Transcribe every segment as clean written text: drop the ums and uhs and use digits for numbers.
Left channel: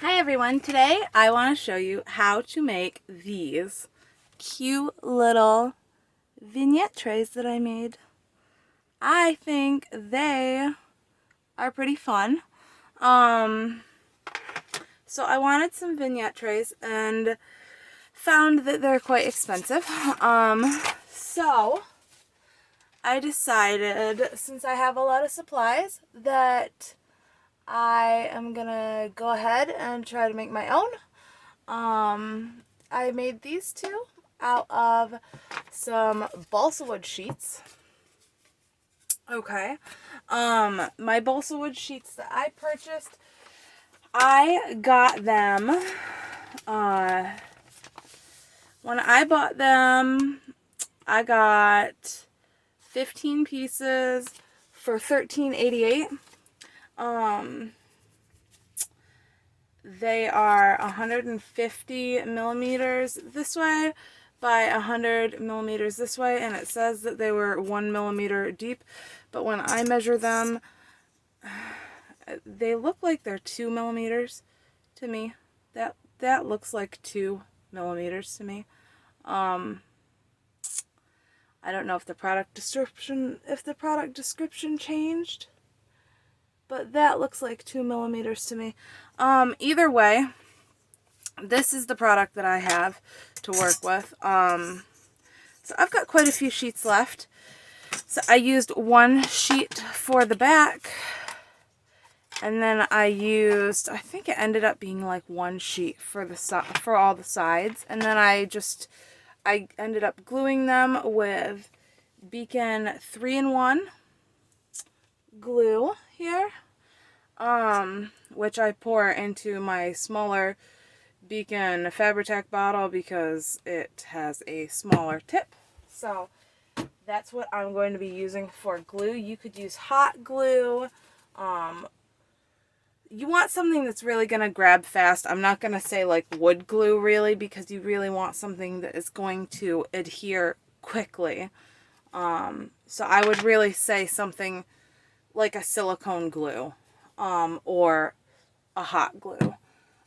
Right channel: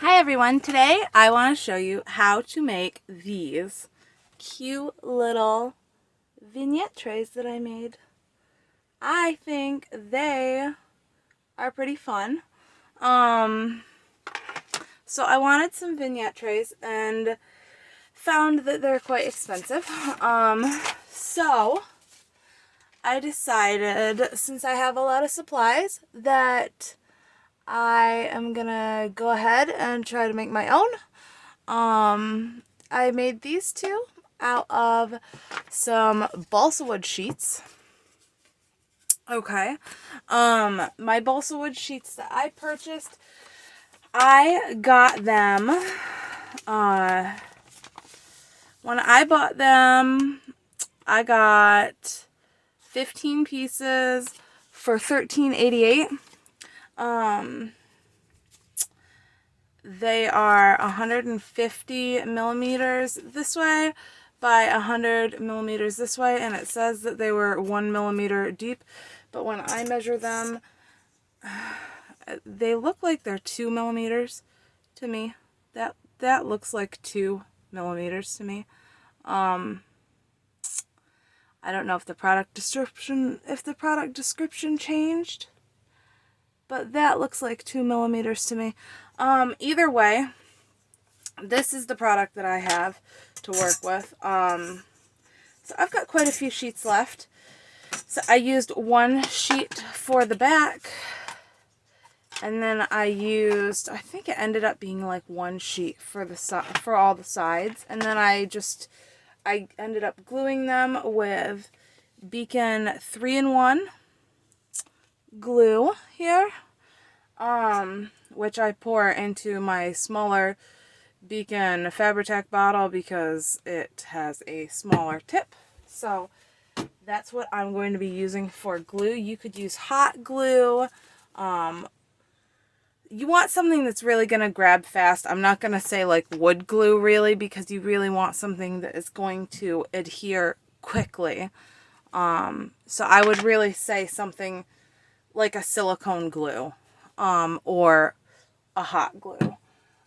Hi everyone, today I want to show you how to make these cute little vignette trays that I made. I think they are pretty fun. So I wanted some vignette trays and found that they're quite expensive. So I decided, since I have a lot of supplies, that I am gonna go ahead and try to make my own. I made these two out of some balsa wood sheets. Okay. My balsa wood sheets that I purchased, I got them, when I bought them, I got 15 pieces for $13.88. They are 150 millimeters this way by 100 millimeters this way, and it says that they were 1 millimeter deep, but when I measure them, they look like they're 2 millimeters to me. That looks like 2 millimeters to me. I don't know if the product description changed, but that looks like 2 millimeters to me. Either way, this is the product that I have to work with. So I've got quite a few sheets left. So I used one sheet for the back, and then I think it ended up being like one sheet for for all the sides, and then I ended up gluing them with Beacon 3-in-1 glue here, which I pour into my smaller Beacon Fabri-Tac bottle because it has a smaller tip. So that's what I'm going to be using for glue. You could use hot glue. You want something that's really going to grab fast. I'm not going to say like wood glue really, because you really want something that is going to adhere quickly. So I would really say something like a silicone glue, or a hot glue.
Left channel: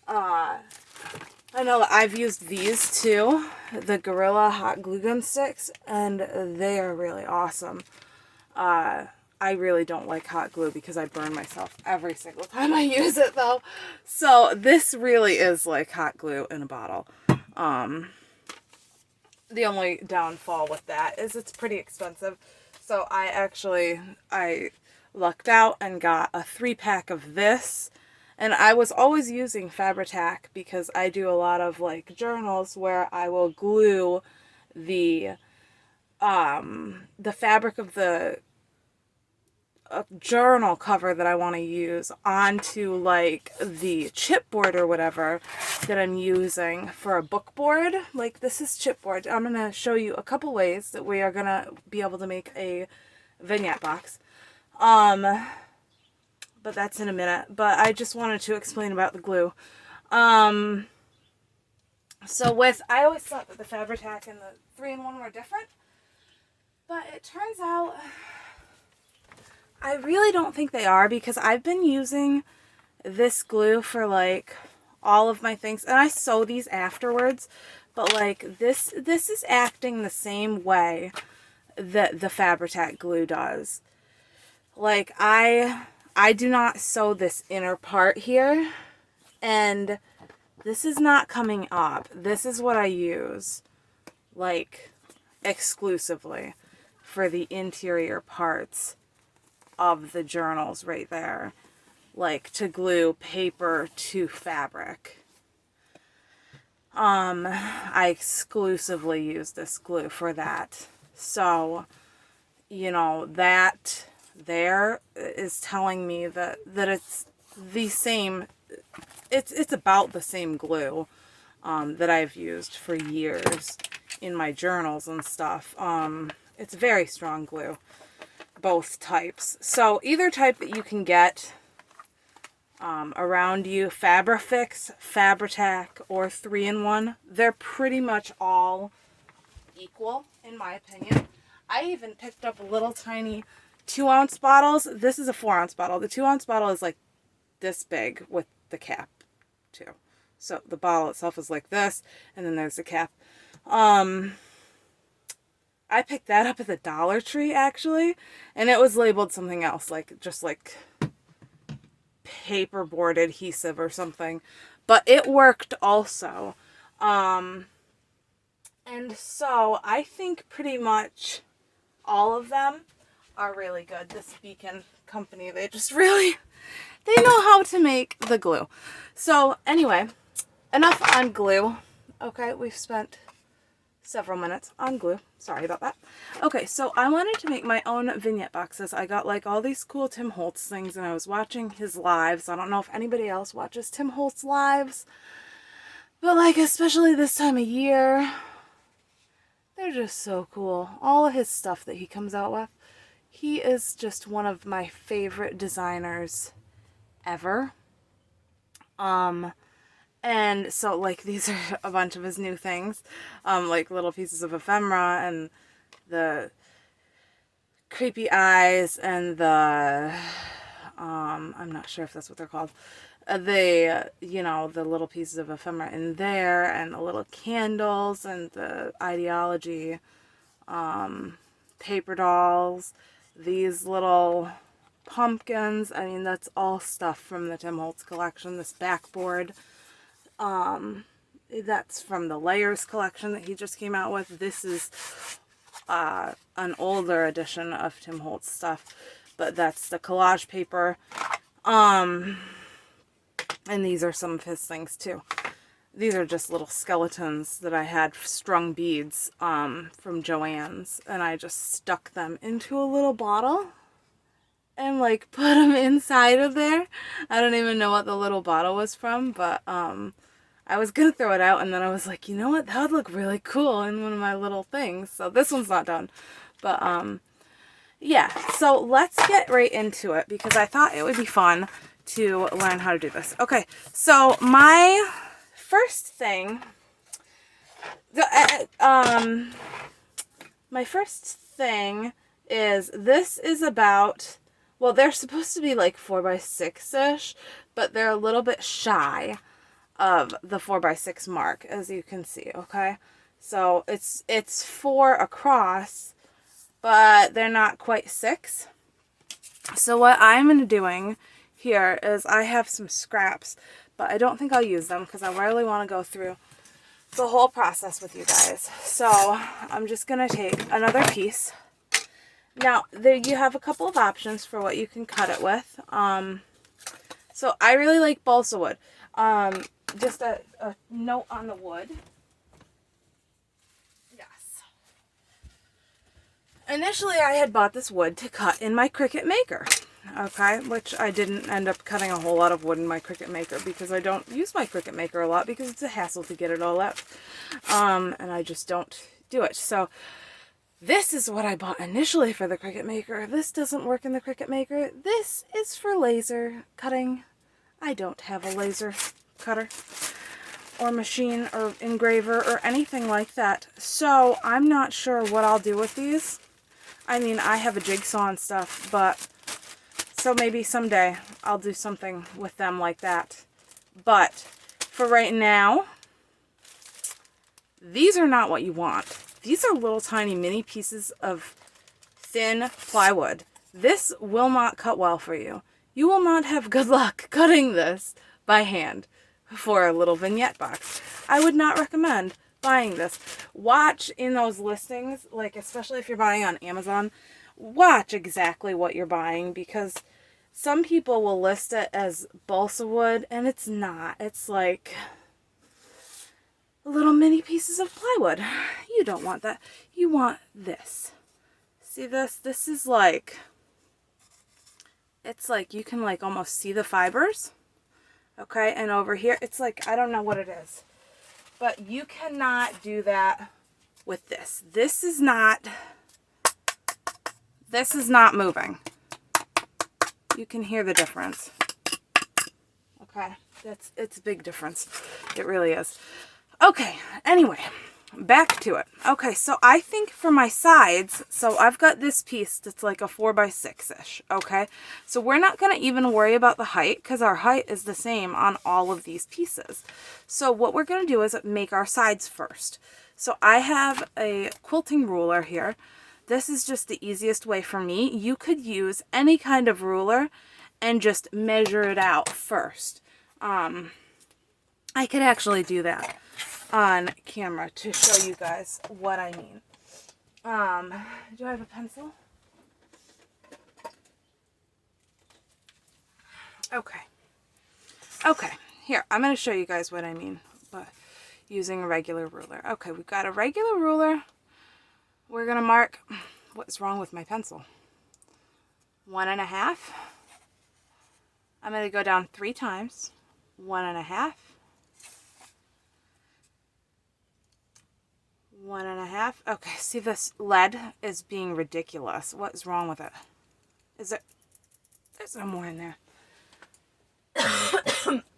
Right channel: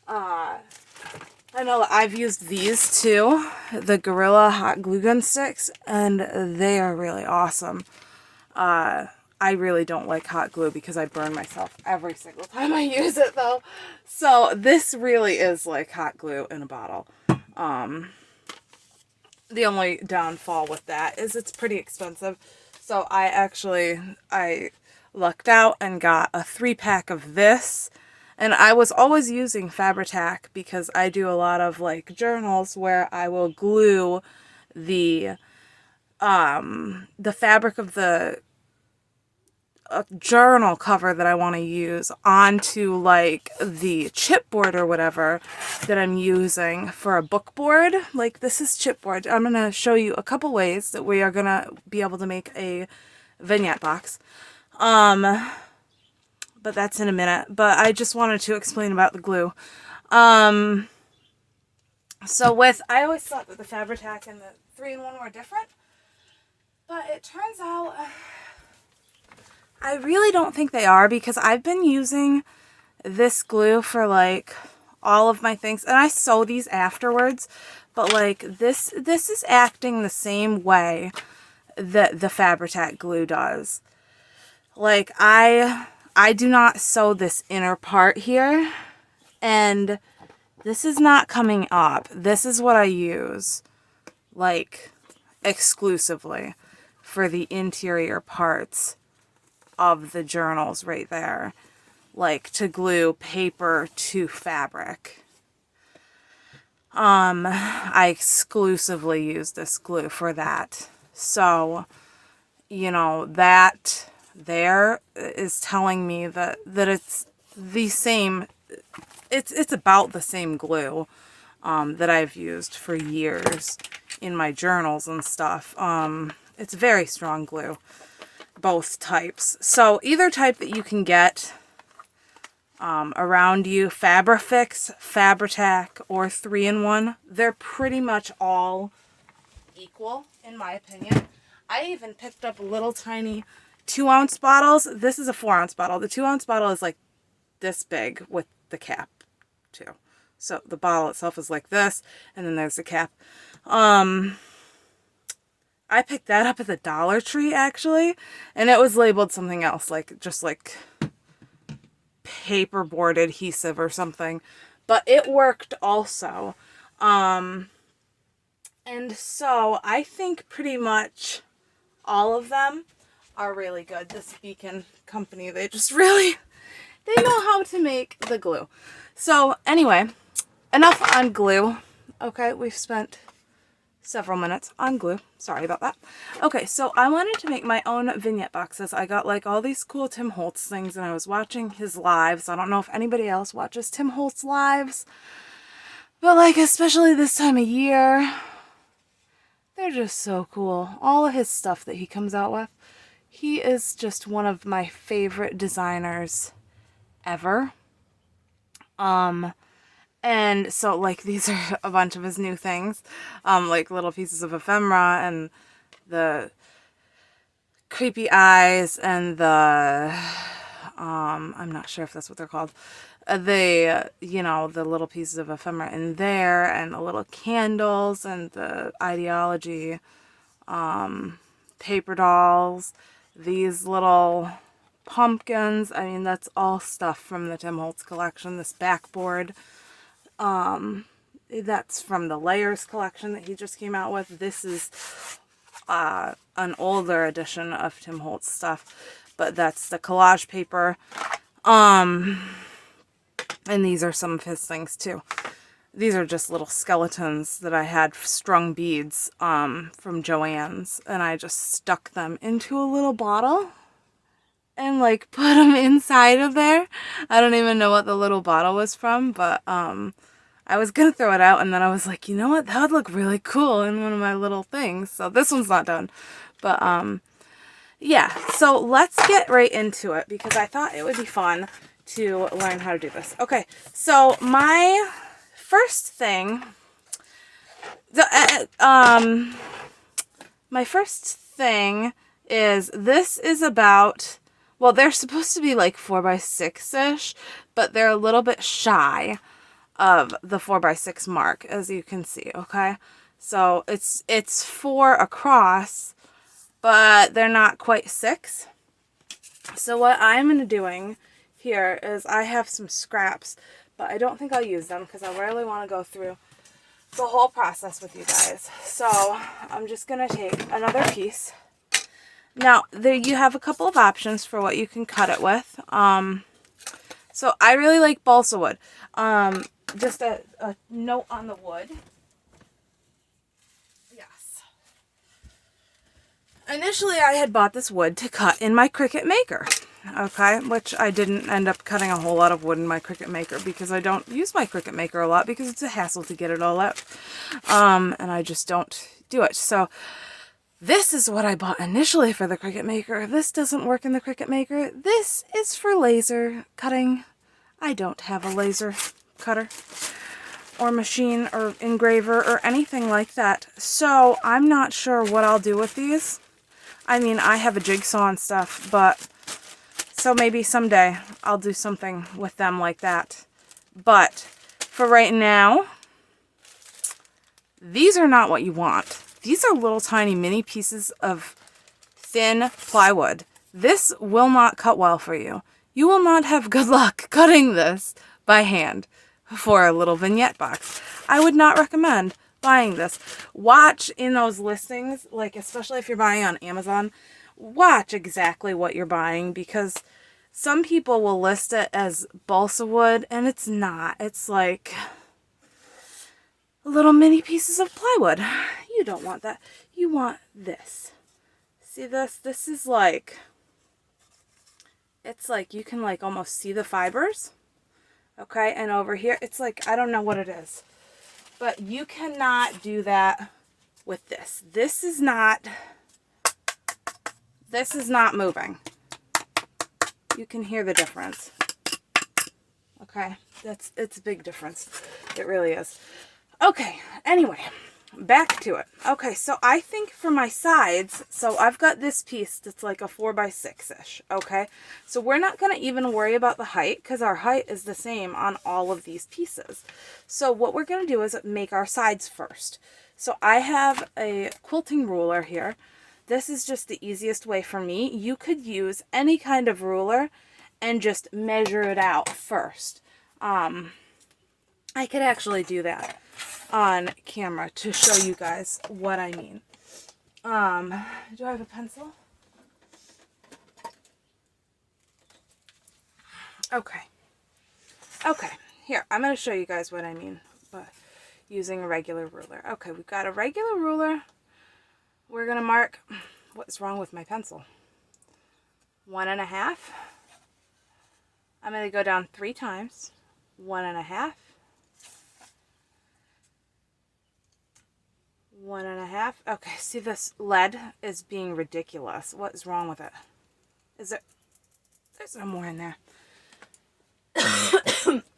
I know I've used these too, the Gorilla Hot Glue Gun Sticks, and they are really awesome. I really don't like hot glue because I burn myself every single time I use it though. So this really is like hot glue in a bottle. The only downfall with that is it's pretty expensive. So I lucked out and got a 3-pack of this. And I was always using Fabri-Tac because I do a lot of like journals where I will glue the fabric of the journal cover that I want to use onto like the chipboard or whatever that I'm using for a book board. Like this is chipboard. I'm going to show you a couple ways that we are going to be able to make a vignette box. But that's in a minute. But I just wanted to explain about the glue. I always thought that the Fabri-Tac and the 3-in-1 were different, but it turns out I really don't think they are, because I've been using this glue for like all of my things, and I sew these afterwards, but like this is acting the same way that the Fabri-Tac glue does. Like I do not sew this inner part here, and this is not coming up. This is what I use like exclusively for the interior parts of the journals right there, like to glue paper to fabric. I exclusively use this glue for that. So, you know, that there is telling me that it's the same, it's about the same glue that I've used for years in my journals and stuff. It's very strong glue, both types. So either type that you can get around you, Fabrifix, Fabri-Tac, or 3-in-1, they're pretty much all equal in my opinion. I even picked up little tiny 2-ounce bottles. This is a 4-ounce bottle. The 2-ounce bottle is like this big with the cap too. So the bottle itself is like this, and then there's the cap. I picked that up at the Dollar Tree, actually, and it was labeled something else, like just like paperboard adhesive or something, but it worked also. And so I think pretty much all of them are really good. This Beacon company, they just really, they know how to make the glue. So anyway, enough on glue. Okay, we've spent several minutes on glue. Sorry about that. Okay, so I wanted to make my own vignette boxes. I got like all these cool Tim Holtz things, and I was watching his lives. I don't know if anybody else watches Tim Holtz lives, but like especially this time of year, they're just so cool. All of his stuff that he comes out with. He is just one of my favorite designers ever. And so, like, these are a bunch of his new things, like little pieces of ephemera and the creepy eyes and the, I'm not sure if that's what they're called, you know, the little pieces of ephemera in there, and the little candles and the ideology, paper dolls, these little pumpkins. I mean, that's all stuff from the Tim Holtz collection. This backboard, that's from the Layers collection that he just came out with. This is an older edition of Tim Holtz stuff, but that's the collage paper. And these are some of his things too. These are just little skeletons that I had strung beads from Joann's, and I just stuck them into a little bottle and like put them inside of there. I don't even know what the little bottle was from, but I was gonna throw it out, and then I was like, you know what, that would look really cool in one of my little things. So this one's not done, but yeah, so let's get right into it, because I thought it would be fun to learn how to do this. Okay, so my first thing, is, this is about, well, they're supposed to be like 4x6-ish, but they're a little bit shy of the 4x6 mark, as you can see, okay? So it's 4 across, but they're not quite 6. So what I'm doing here is, I have some scraps, but I don't think I'll use them because I really want to go through the whole process with you guys. So I'm just going to take another piece. Now, there you have a couple of options for what you can cut it with. So I really like balsa wood. Just a note on the wood. Yes. Initially, I had bought this wood to cut in my Cricut Maker. Okay, which I didn't end up cutting a whole lot of wood in my Cricut Maker, because I don't use my Cricut Maker a lot, because it's a hassle to get it all out. And I just don't do it. So this is what I bought initially for the Cricut Maker. If this doesn't work in the Cricut Maker, this is for laser cutting. I don't have a laser cutter or machine or engraver or anything like that. So I'm not sure what I'll do with these. I mean, I have a jigsaw and stuff, but so maybe someday I'll do something with them like that. But for right now, these are not what you want. These are little tiny mini pieces of thin plywood. This will not cut well for you. You will not have good luck cutting this by hand for a little vignette box. I would not recommend buying this. Watch in those listings, like especially if you're buying on Amazon, watch exactly what you're buying, because some people will list it as balsa wood and it's not. It's like little mini pieces of plywood. You don't want that. You want this. See this? This is like, it's like you can like almost see the fibers. Okay, and over here, it's like, I don't know what it is, but you cannot do that with this. This is not moving. You can hear the difference. Okay, it's a big difference. It really is. Okay, anyway, back to it. Okay, so I think for my sides, so I've got this piece that's like a 4x6-ish, okay? So we're not going to even worry about the height because our height is the same on all of these pieces. So what we're going to do is make our sides first. So I have a quilting ruler here. This is just the easiest way for me. You could use any kind of ruler and just measure it out first. I could actually do that on camera to show you guys what I mean. Do I have a pencil? Okay. Okay, here, I'm going to show you guys what I mean by using a regular ruler. Okay, we've got a regular ruler. We're going to mark, what's wrong with my pencil? 1.5. I'm going to go down 3 times. 1.5. 1.5. Okay, see this lead is being ridiculous. What is wrong with it? Is it? There's no more in there.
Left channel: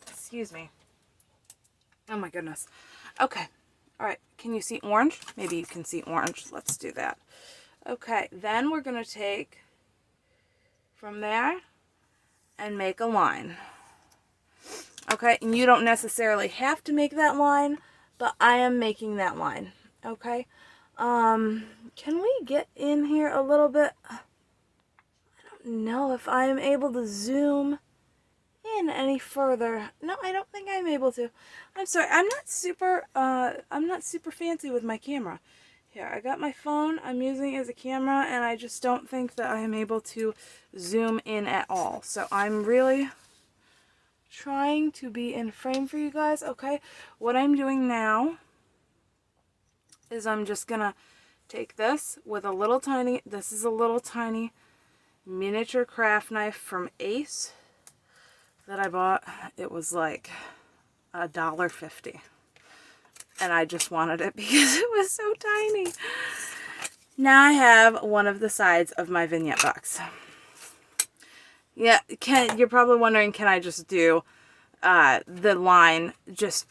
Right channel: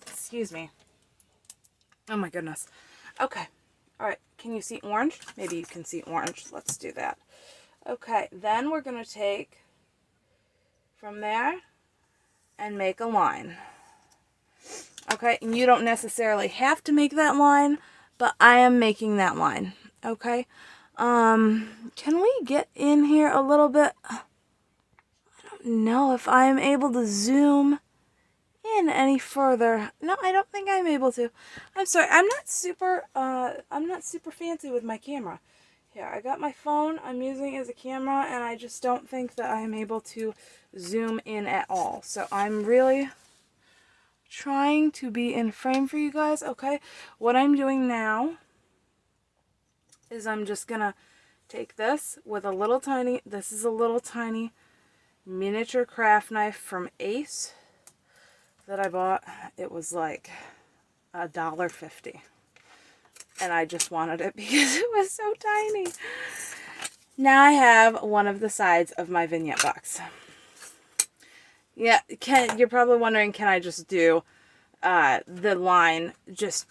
Excuse me. Oh my goodness. Okay. All right. Can you see orange? Maybe you can see orange. Let's do that. Okay. Then we're going to take from there and make a line. Okay. And you don't necessarily have to make that line, but I am making that line. Okay. Can we get in here a little bit? I don't know if I am able to zoom in any further. No, I don't think I'm able to. I'm sorry. I'm not super fancy with my camera. Here, I got my phone. I'm using it as a camera, and I just don't think that I am able to zoom in at all. So I'm really trying to be in frame for you guys. Okay. What I'm doing now is I'm just gonna take this with a little tiny, this is a little tiny miniature craft knife from Ace that I bought. It was like $1.50, and I just wanted it because it was so tiny. Now I have one of the sides of my vignette box. Yeah, you're probably wondering, can I just do the line, just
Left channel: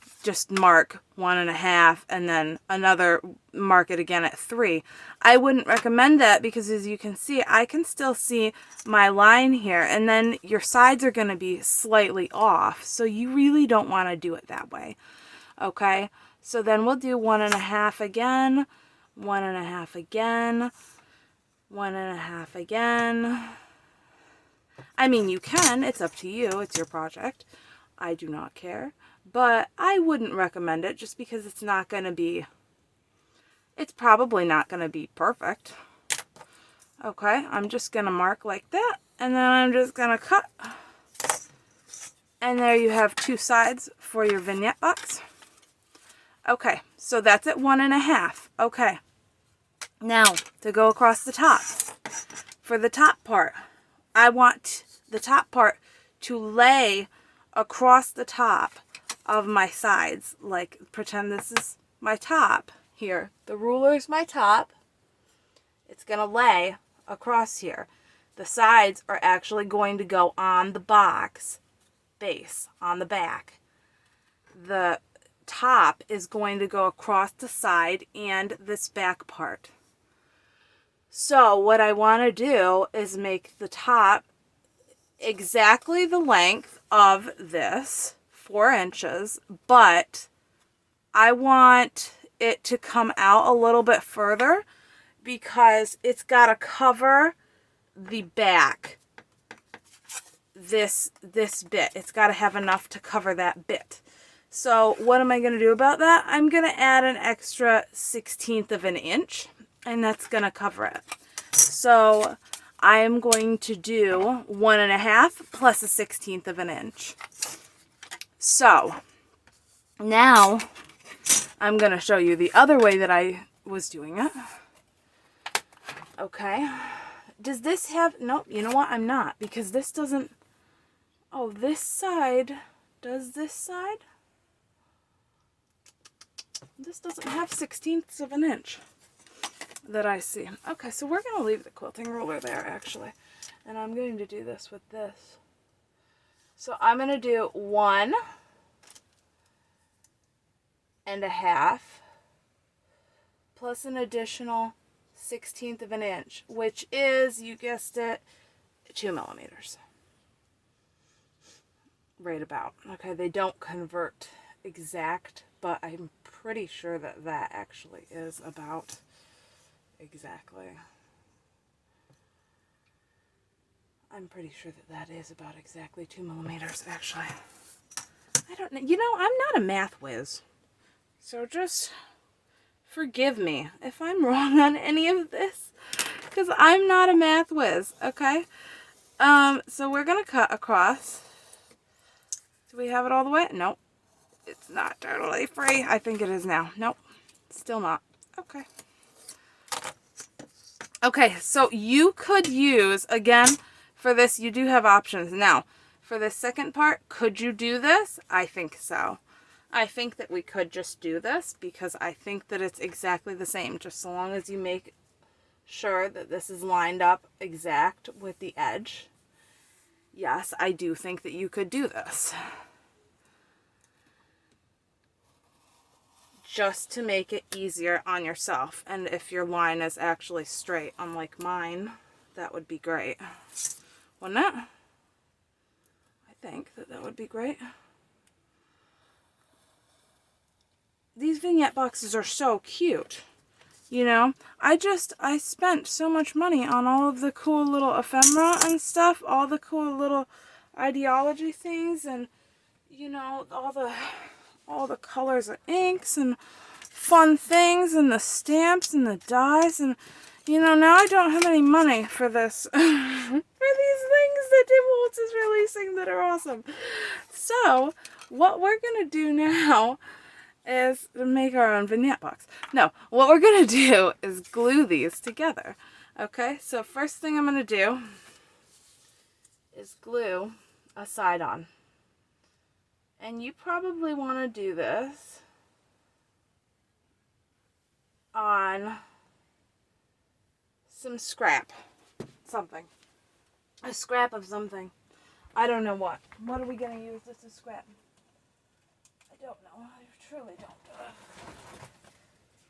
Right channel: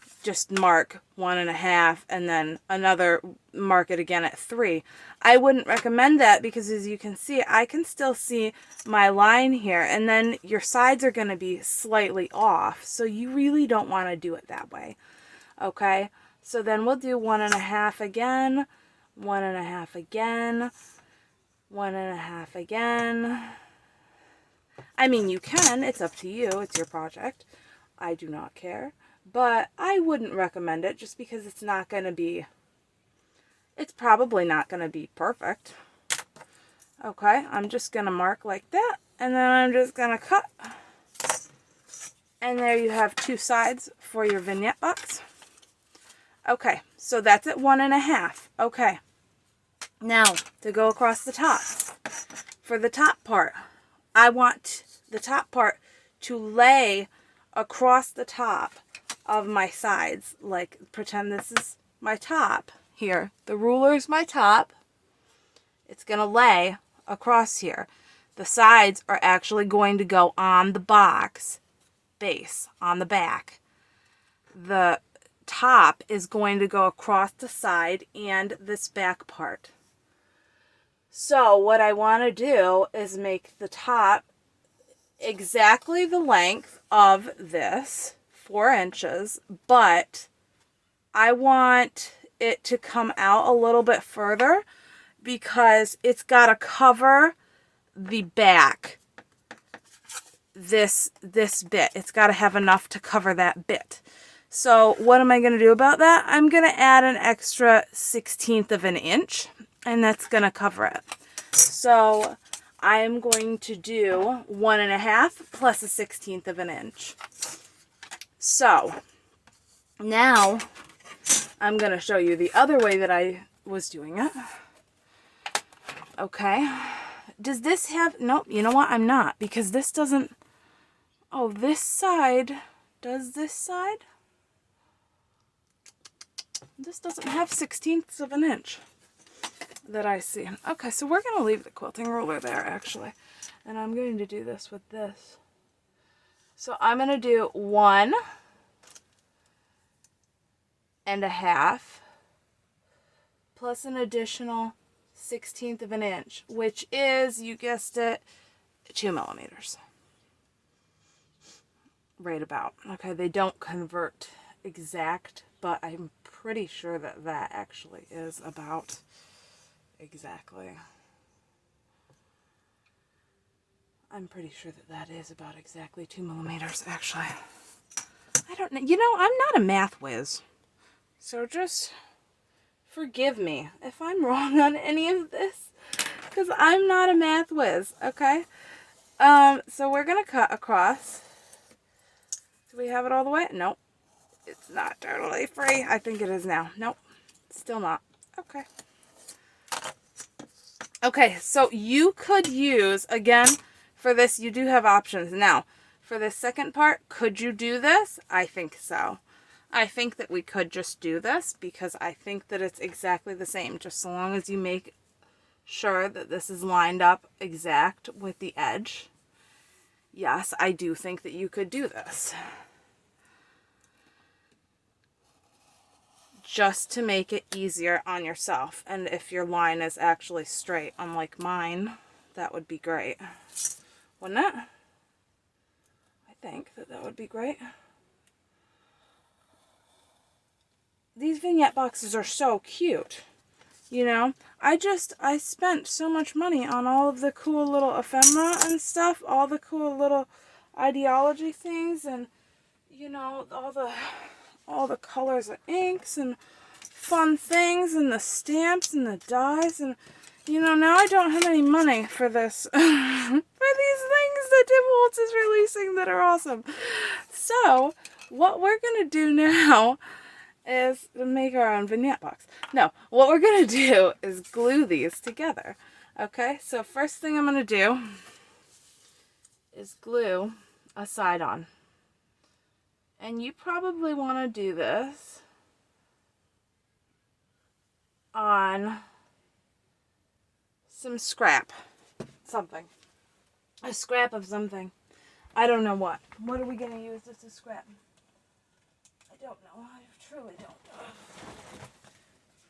mark 1.5 and then another mark it again at 3. I wouldn't recommend that because, as you can see, I can still see my line here, and then your sides are going to be slightly off, so you really don't want to do it that way. Okay, so then we'll do 1.5 again, 1.5 again, 1.5 again. I mean, you can, it's up to you, it's your project. I do not care, but I wouldn't recommend it just because it's not going to be, it's probably not going to be perfect. Okay, I'm just going to mark like that, and then I'm just going to cut. And there you have 2 sides for your vignette box. Okay, so that's at 1.5. Okay, now to go across the top. For the top part, I want the top part to lay across the top of my sides. Like, pretend this is my top here. The ruler is my top. It's going to lay across here. The sides are actually going to go on the box base, on the back. The top is going to go across the side and this back part. So what I want to do is make the top exactly the length of this, 4 inches, but I want it to come out a little bit further because it's got to cover the back, this bit. It's got to have enough to cover that bit. So what am I going to do about that? I'm going to add an extra 1/16 of an inch, and that's going to cover it. So I am going to do 1.5 plus 1/16 of an inch. So now I'm going to show you the other way that I was doing it. Okay. Does this have, nope, you know what? I'm not, because this doesn't, oh, this side, does this side? This doesn't have 1/16 of an inch that I see. Okay, so we're going to leave the quilting ruler there, actually. And I'm going to do this with this. So I'm going to do 1.5 plus an additional 1/16 of an inch, which is, you guessed it, 2 millimeters. Right about. Okay, they don't convert exact, but I'm pretty sure that that actually is about exactly. I'm pretty sure that that is about exactly 2 millimeters, actually. I don't know. You know, I'm not a math whiz. So just forgive me if I'm wrong on any of this, because I'm not a math whiz, okay? So we're going to cut across. Do we have it all the way? Nope. It's not totally free. I think it is now. Nope. Still not. Okay. Okay, so you could use, again, for this, you do have options. Now, for the second part, could you do this? I think so. I think that we could just do this because I think that it's exactly the same, just so long as you make sure that this is lined up exact with the edge. Yes, I do think that you could do this. Just to make it easier on yourself. And if your line is actually straight, unlike mine, that would be great. Wouldn't it? I think that that would be great. These vignette boxes are so cute. You know, I spent so much money on all of the cool little ephemera and stuff, all the cool little ideology things, and, you know, all the colors of inks and fun things and the stamps and the dies, and, you know, now I don't have any money for this, for these things that Tim Holtz is releasing that are awesome. So, what we're going to do now is to make our own vignette box. No, what we're going to do is glue these together. Okay, so first thing I'm going to do is glue a side on. And you probably want to do this on some scrap. Something. A scrap of something. I don't know what. What are we going to use this as scrap? I don't know. I truly don't.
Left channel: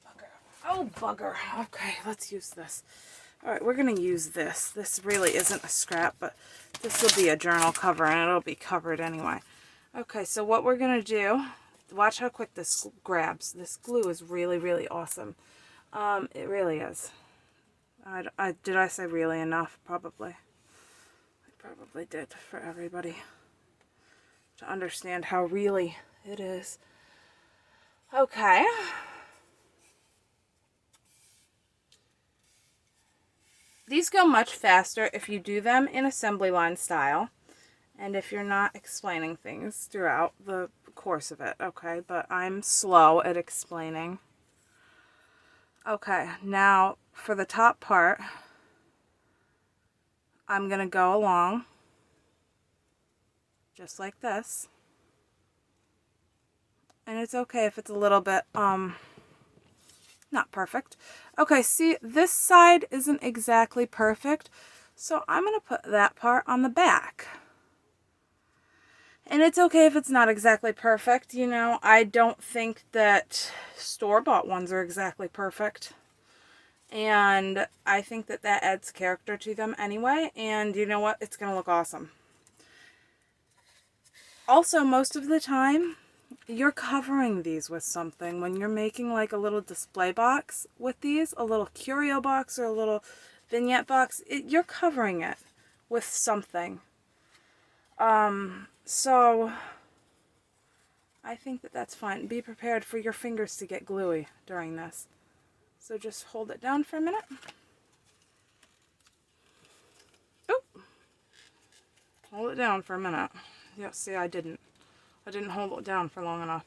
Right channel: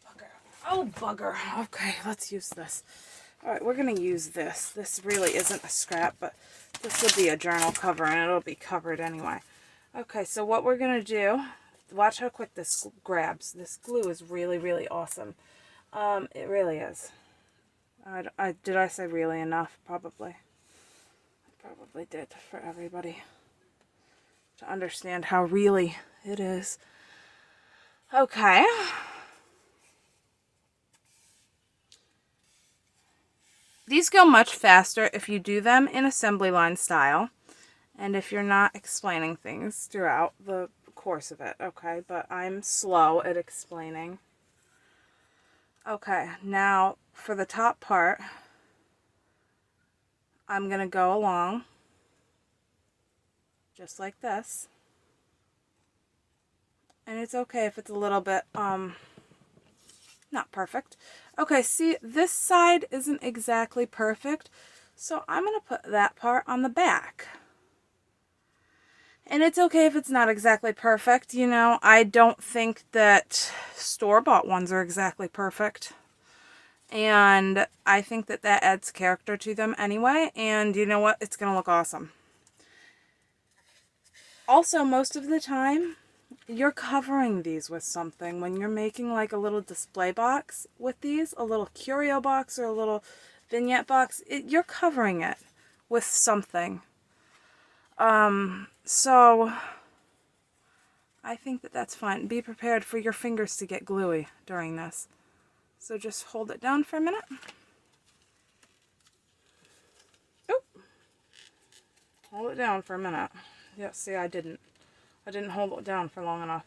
Bugger. Oh, bugger. Okay, let's use this. Alright, we're going to use this. This really isn't a scrap, but this will be a journal cover, and it'll be covered anyway. Okay, so what we're going to do, watch how quick this grabs. This glue is really, really awesome. It really is. Did I say really enough? Probably. I probably did for everybody to understand how really it is. Okay. These go much faster if you do them in assembly line style and if you're not explaining things throughout the course of it, okay? But I'm slow at explaining. Okay, now for the top part, I'm going to go along just like this. And it's okay if it's a little bit, not perfect. Okay, see, this side isn't exactly perfect, so I'm going to put that part on the back. And it's okay if it's not exactly perfect, you know. I don't think that store-bought ones are exactly perfect. And I think that that adds character to them anyway, and you know what? It's going to look awesome. Also, most of the time, you're covering these with something. When you're making like a little display box with these, a little curio box or a little vignette box, you're covering it with something. So I think that that's fine. Be prepared for your fingers to get gluey during this. So just hold it down for a minute. Oh, hold it down for a minute. Yeah, see, I didn't hold it down for long enough.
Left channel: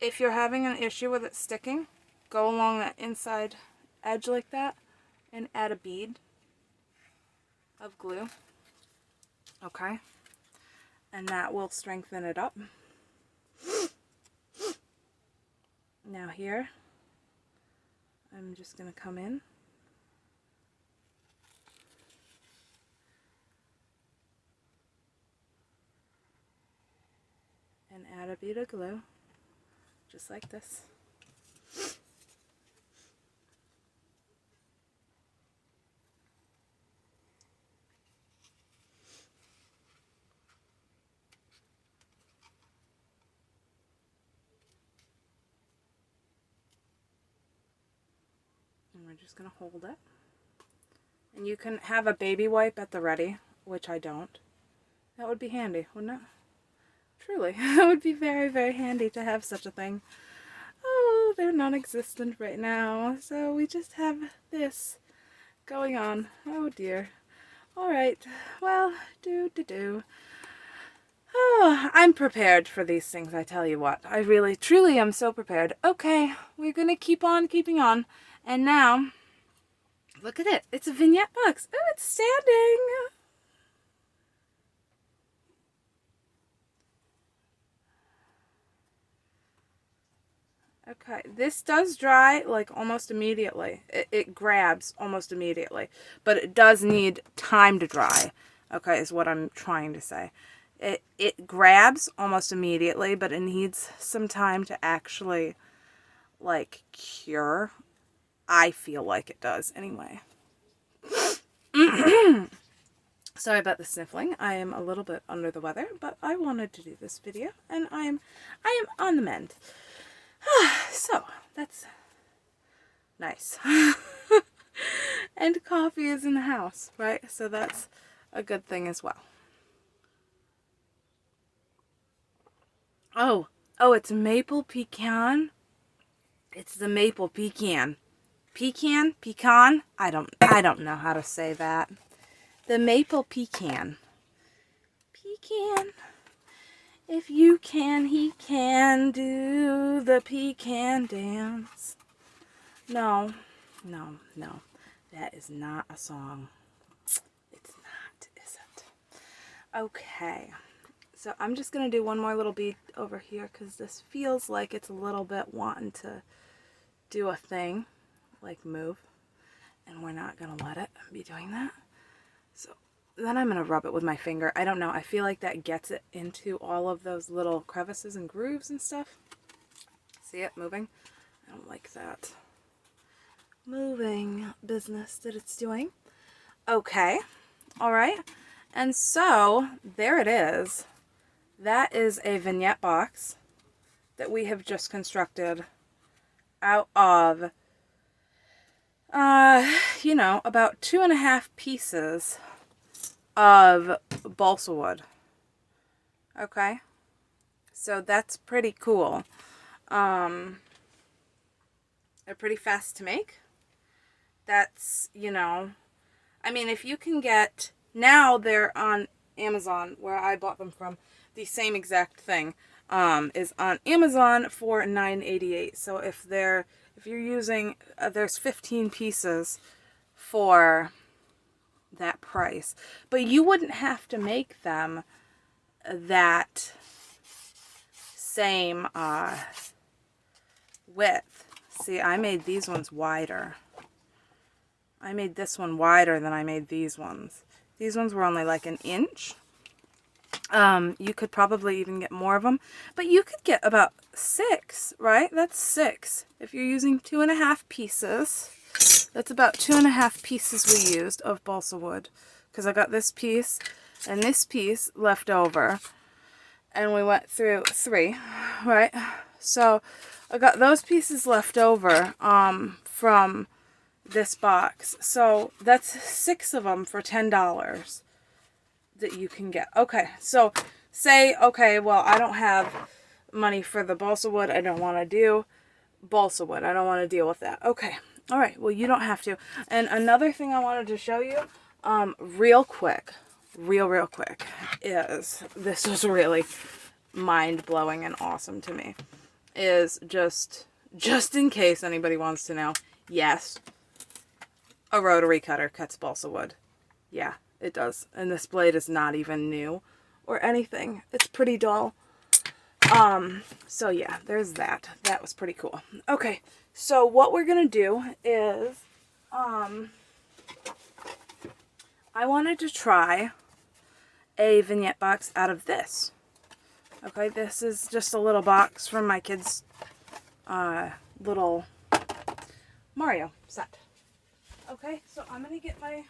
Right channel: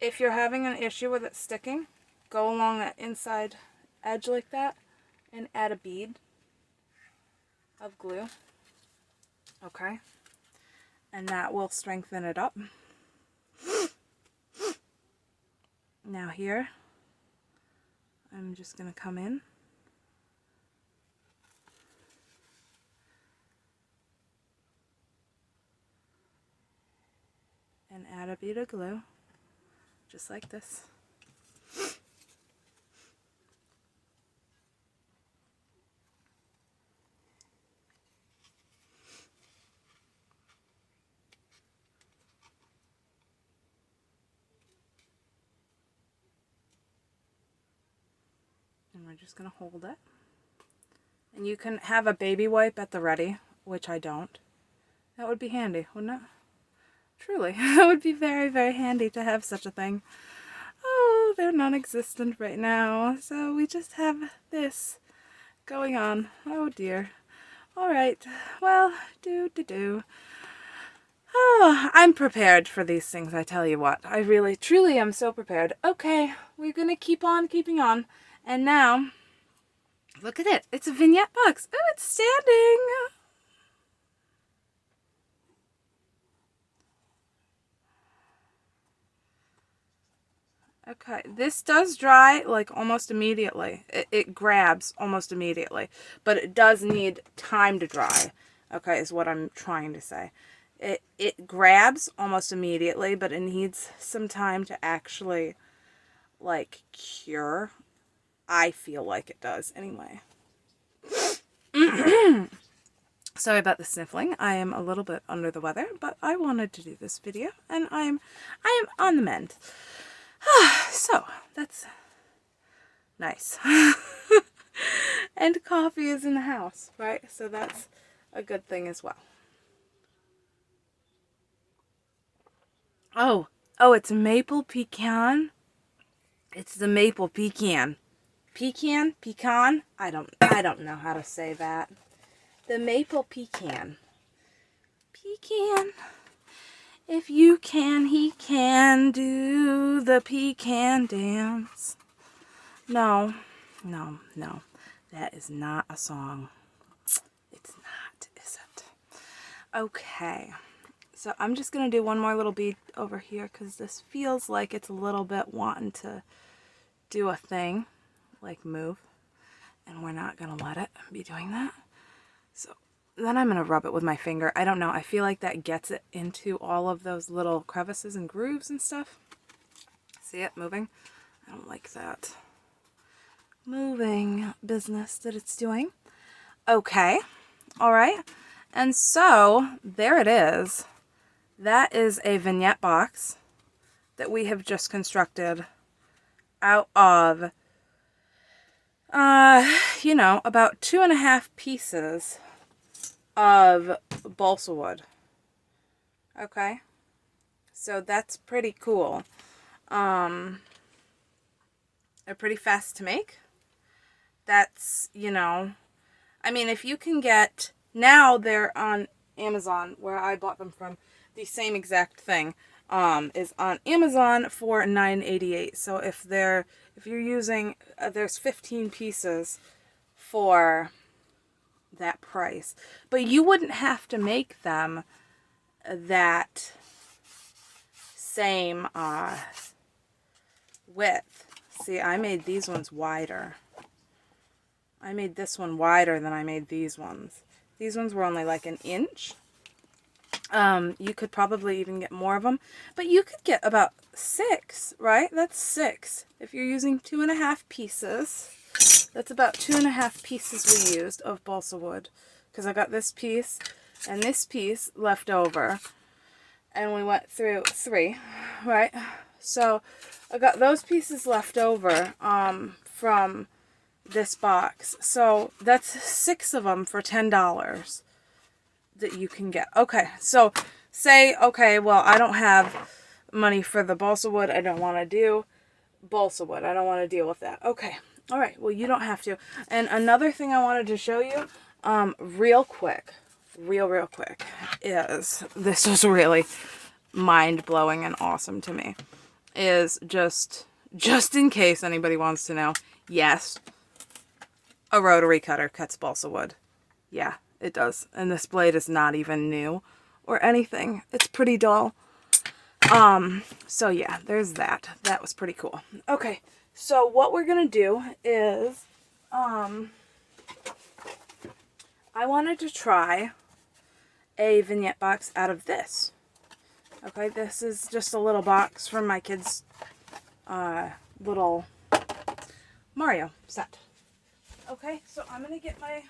If you're having an issue with it sticking, go along that inside edge like that and add a bead of glue. Okay. And that will strengthen it up. Now here, I'm just going to come in and add a bead of glue, just like this. And we're just going to hold it. And you can have a baby wipe at the ready, which I don't. That would be handy, wouldn't it? Truly, that would be very, very handy to have such a thing. Oh, they're non-existent right now, so we just have this going on. Oh dear. Alright, well, Oh, I'm prepared for these things, I tell you what. I really, truly am so prepared. Okay, we're gonna keep on keeping on. And now, look at it. It's a vignette box. Oh, it's standing. Okay, this does dry like almost immediately. It grabs almost immediately, but it does need time to dry. Okay, is what I'm trying to say. It grabs almost immediately, but it needs some time to actually like cure. I feel like it does anyway. Sorry about the sniffling. I am a little bit under the weather, but I wanted to do this video and I am on the mend. So, that's nice. And coffee is in the house, right? So that's a good thing as well. Oh, it's maple pecan. It's the maple pecan. Pecan? I don't know how to say that. The maple pecan. Pecan. If you can, he can do the pecan dance. No. That is not a song. It's not, is it? Okay. So I'm just going to do one more little bead over here because this feels like it's a little bit wanting to do a thing, like move. And we're not going to let it be doing that. So then I'm going to rub it with my finger. I don't know. I feel like that gets it into all of those little crevices and grooves and stuff. See it moving? I don't like that moving business that it's doing. Okay. All right. And so there it is. That is a vignette box that we have just constructed out of, about 2.5 pieces of balsa wood. Okay, so that's pretty cool. They're pretty fast to make. That's, I mean, if you can get, now they're on Amazon, where I bought them from. The same exact thing is on Amazon for $9.88. So if you're using, there's 15 pieces for that price, but you wouldn't have to make them that same width. See, I made these ones wider. I made this one wider than I made these ones. These ones were only like 1 inch. You could probably even get more of them, but you could get about 6, right? That's 6. If you're using 2.5 pieces, that's about 2.5 pieces we used of balsa wood, because I got this piece and this piece left over, and we went through 3, right? So I got those pieces left over from this box. So that's 6 of them for $10 that you can get. Okay, so say, okay, well, I don't have money for the balsa wood. I don't want to do balsa wood. I don't want to deal with that. Okay, all right, well, you don't have to. And another thing I wanted to show you real quick, is, this was really mind-blowing and awesome to me, is just in case anybody wants to know, yes, a rotary cutter cuts balsa wood. Yeah, it does. And this blade is not even new or anything. It's pretty dull. So yeah, there's that. That was pretty cool. Okay, so what we're gonna do is, I wanted to try a vignette box out of this. Okay, this is just a little box from my kids' little Mario set. Okay, so I'm gonna get my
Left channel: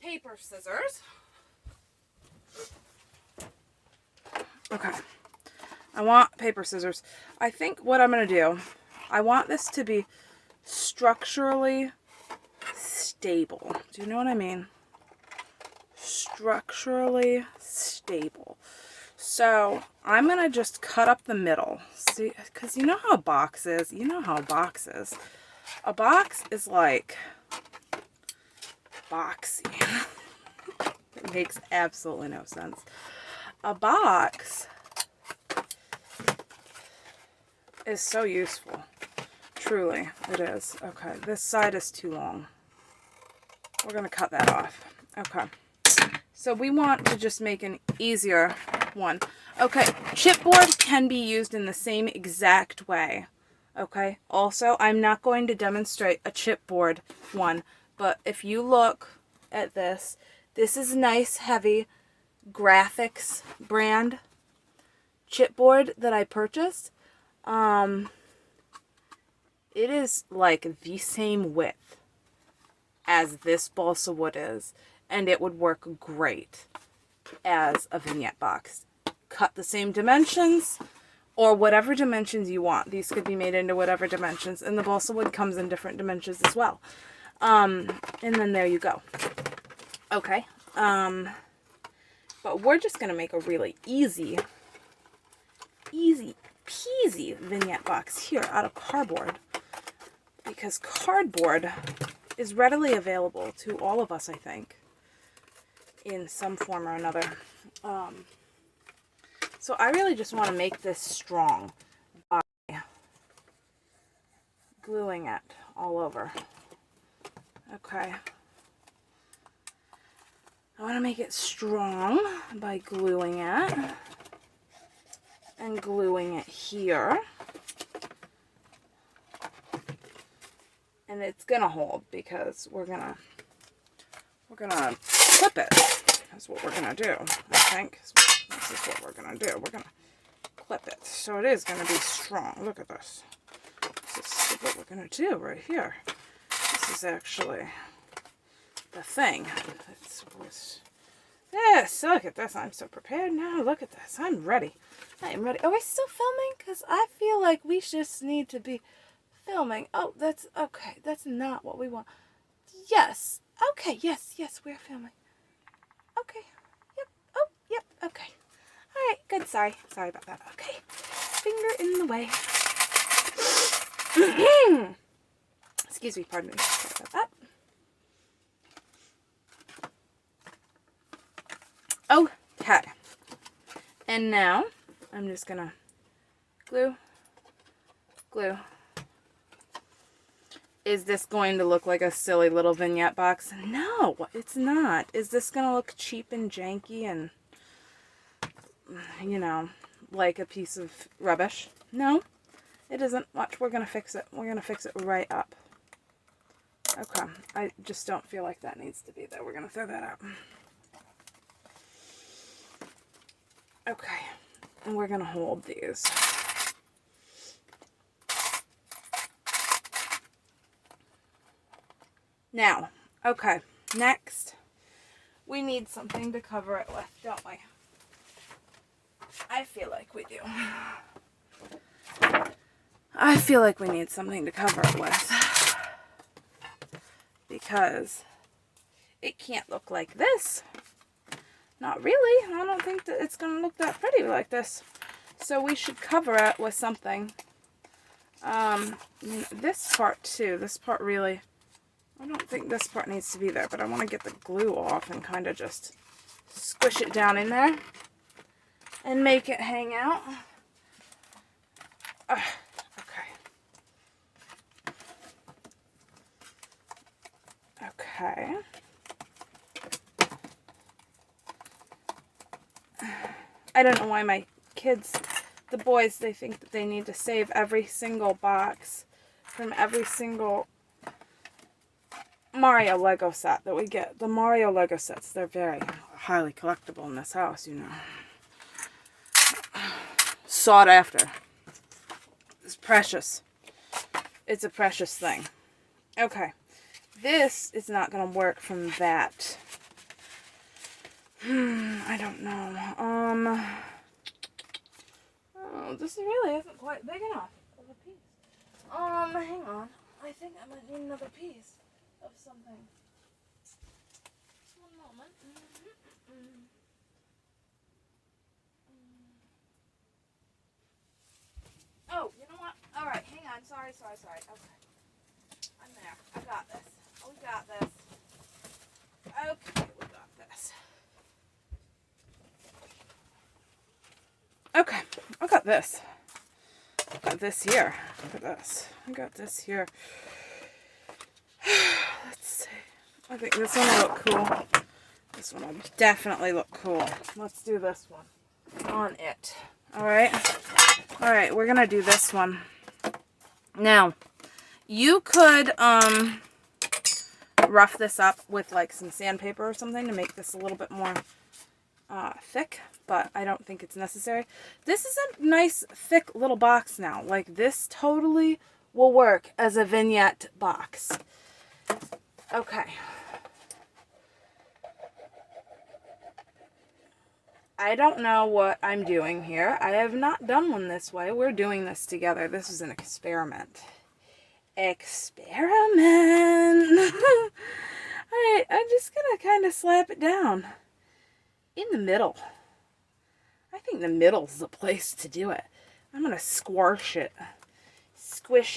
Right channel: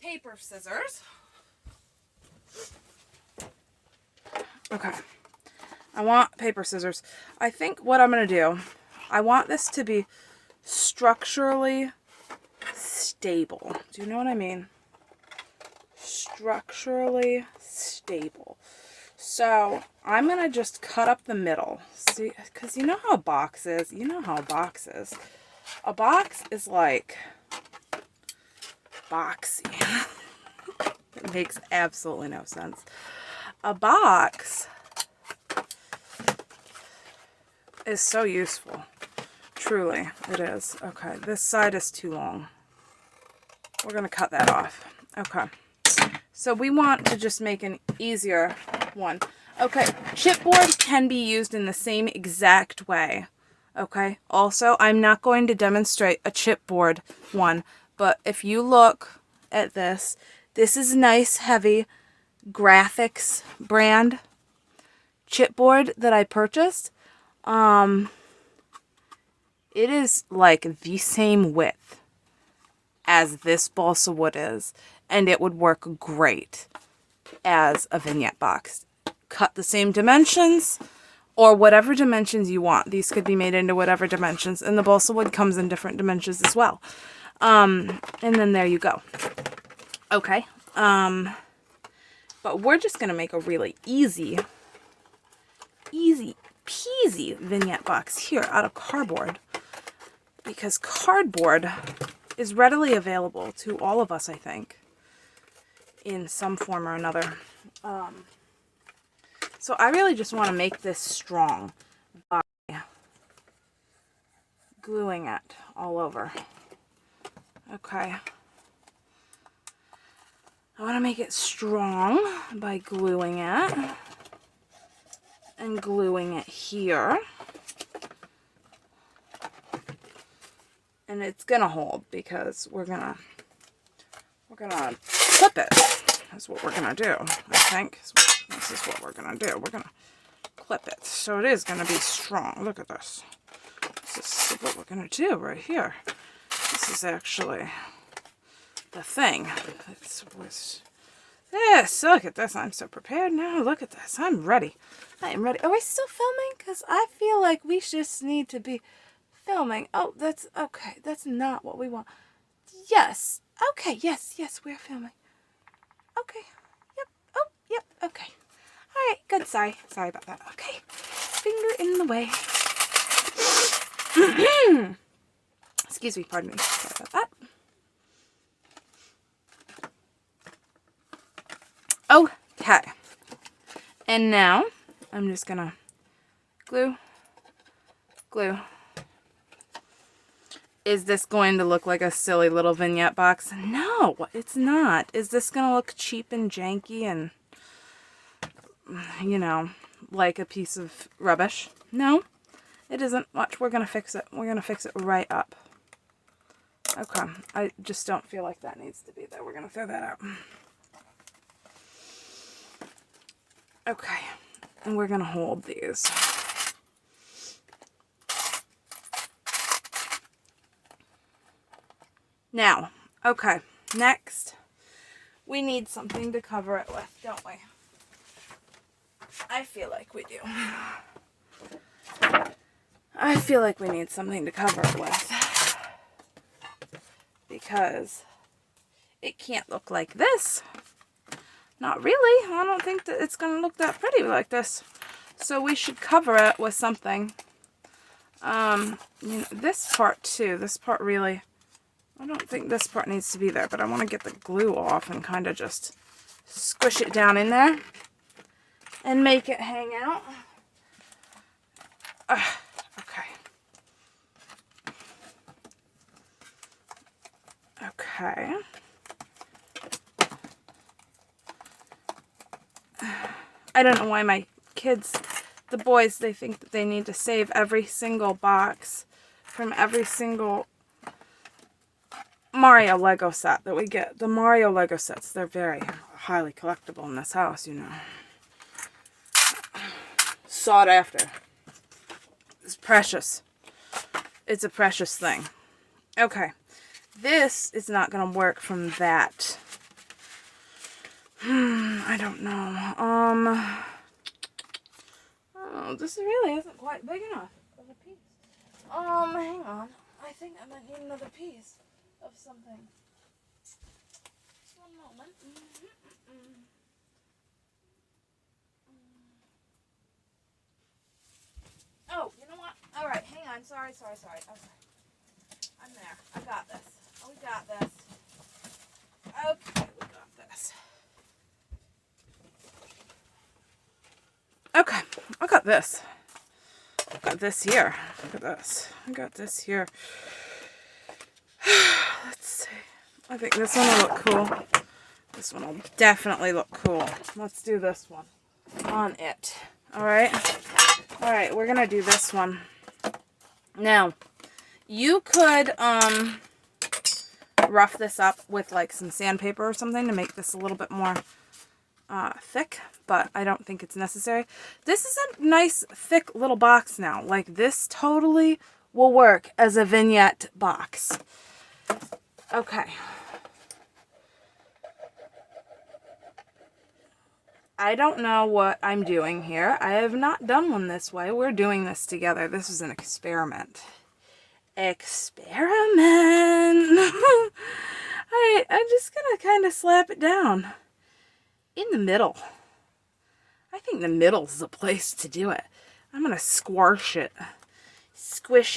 paper scissors. Okay, I want paper scissors. I think what I'm gonna do, I want this to be structurally stable. Do you know what I mean? Structurally stable. So I'm going to just cut up the middle. See, because you know how a box is. You know how a box is. A box is like boxy. It makes absolutely no sense. A box is so useful. Truly, it is. Okay, this side is too long. We're going to cut that off. Okay. So we want to just make an easier one. Okay, chipboard can be used in the same exact way. Okay, also, I'm not going to demonstrate a chipboard one, but if you look at this, this is nice, heavy graphics brand chipboard that I purchased. It is like the same width as this balsa wood is, and it would work great as a vignette box. Cut the same dimensions or whatever dimensions you want. These could be made into whatever dimensions, and the balsa wood comes in different dimensions as well. And then there you go. Okay. But we're just going to make a really easy peasy vignette box here out of cardboard, because cardboard is readily available to all of us, I think, in some form or another. So I really just want to make this strong by gluing it all over. Okay. I want to make it strong by gluing it and gluing it here. And it's gonna hold because we're gonna clip it. That's what we're gonna do, I think. This is what we're gonna do. We're gonna clip it. So it is gonna be strong. Look at this. This is what we're gonna do right here. This is actually the thing. Yes, look at this. I'm so prepared now. Look at this. I'm ready. I am ready. Are we still filming? Because I feel like we just need to be filming. Oh, that's okay. That's not what we want. Yes. Okay. Yes. Yes, we're filming. Okay. Yep. Oh, yep. Okay. All right. Good. Sorry. Sorry about that. Okay. Finger in the way. Excuse me. Pardon me. Sorry about that. Okay. And now I'm just gonna glue. Is this going to look like a silly little vignette box? No, it's not. Is this going to look cheap and janky and, you know, like a piece of rubbish? No, it isn't. Watch, we're going to fix it. We're going to fix it right up. Okay, I just don't feel like that needs to be there. We're going to throw that out. Okay, and we're going to hold these. Now, okay, next, we need something to cover it with, don't we? I feel like we do. I feel like we need something to cover it with. Because it can't look like this. Not really. I don't think that it's going to look that pretty like this. So we should cover it with something. This part too, this part really... I don't think this part needs to be there, but I want to get the glue off and kind of just squish it down in there and make it hang out. Okay. Okay. I don't know why my kids, the boys, they think that they need to save every single box from every single Mario Lego set that we get. The Mario Lego sets, they're very highly collectible in this house, you know. Sought after. It's precious. It's a precious thing. Okay. This is not going to work from that. I don't know. Oh, this really isn't quite big enough of a piece. Hang on. I think I might need another piece of something. Just one moment. Oh, you know what? All right, hang on. Sorry. Okay. I'm there. I got this. We got this. Okay, we got this. Okay, I got this. I got this here. Look at this. I got this here. Let's see. I think this one will look cool. This one will definitely look cool. Let's do this one on it. Alright? Alright, we're gonna do this one. Now, you could rough this up with like some sandpaper or something to make this a little bit more thick, but I don't think it's necessary. This is a nice thick little box now. Like, this totally will work as a vignette box. Okay. I don't know what I'm doing here. I have not done one this way. We're doing this together. This is an experiment. I'm just gonna kind of slap it down in the middle. I think the middle's the place to do it. I'm gonna squish it and smoosh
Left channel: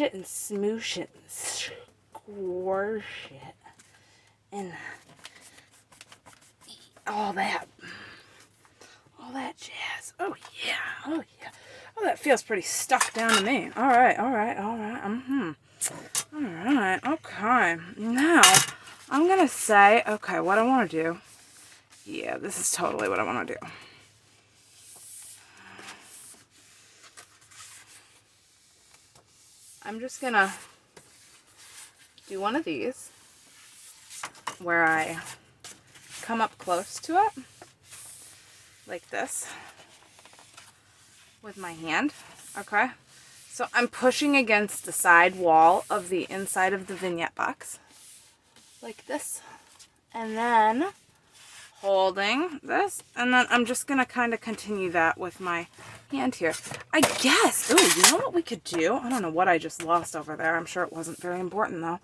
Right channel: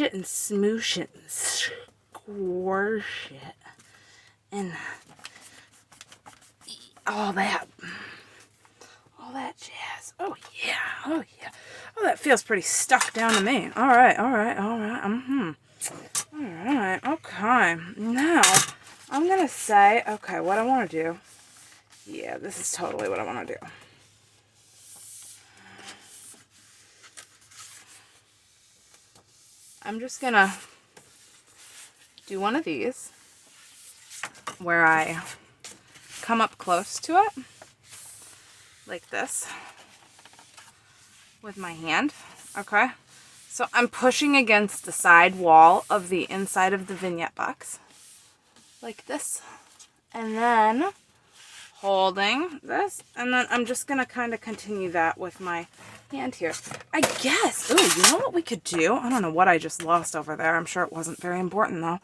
it and squish it and all that jazz. Oh yeah. Oh, that feels pretty stuck down to me. All right. Alright, okay. Now, I'm gonna say, okay, what I want to do. Yeah, this is totally what I want to do. I'm just gonna do one of these where I come up close to it, like this, with my hand, okay? So I'm pushing against the side wall of the inside of the vignette box, like this, and then holding this, and then I'm just gonna kind of continue that with my hand here. I guess, oh, you know what we could do? I don't know what I just lost over there. I'm sure it wasn't very important though.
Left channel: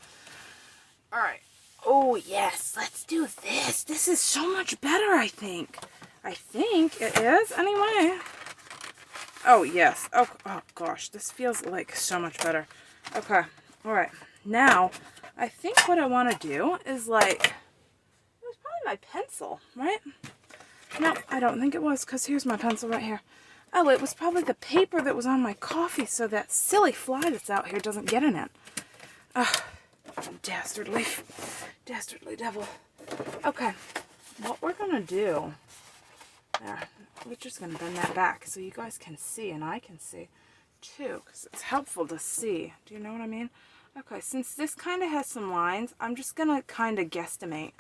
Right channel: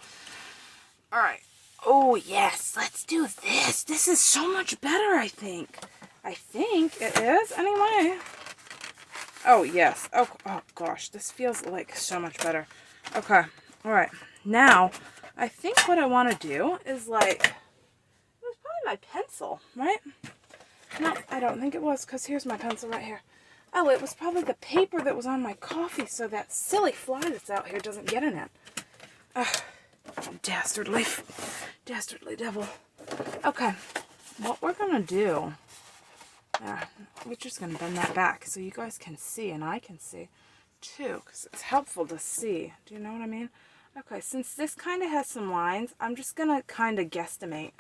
All right. Oh yes, let's do this. This is so much better, I think. I think it is, anyway. Oh, yes. Oh gosh, this feels like so much better. Okay, all right. Now, I think what I want to do is like, it was probably my pencil, right? No, I don't think it was, because here's my pencil right here. Oh, it was probably the paper that was on my coffee, so that silly fly that's out here doesn't get in it. Ugh, dastardly devil. Okay, what we're going to do... we're just going to bend that back so you guys can see and I can see too, because it's helpful to see. Do you know what I mean? Okay, since this kind of has some lines, I'm just going to kind of guesstimate.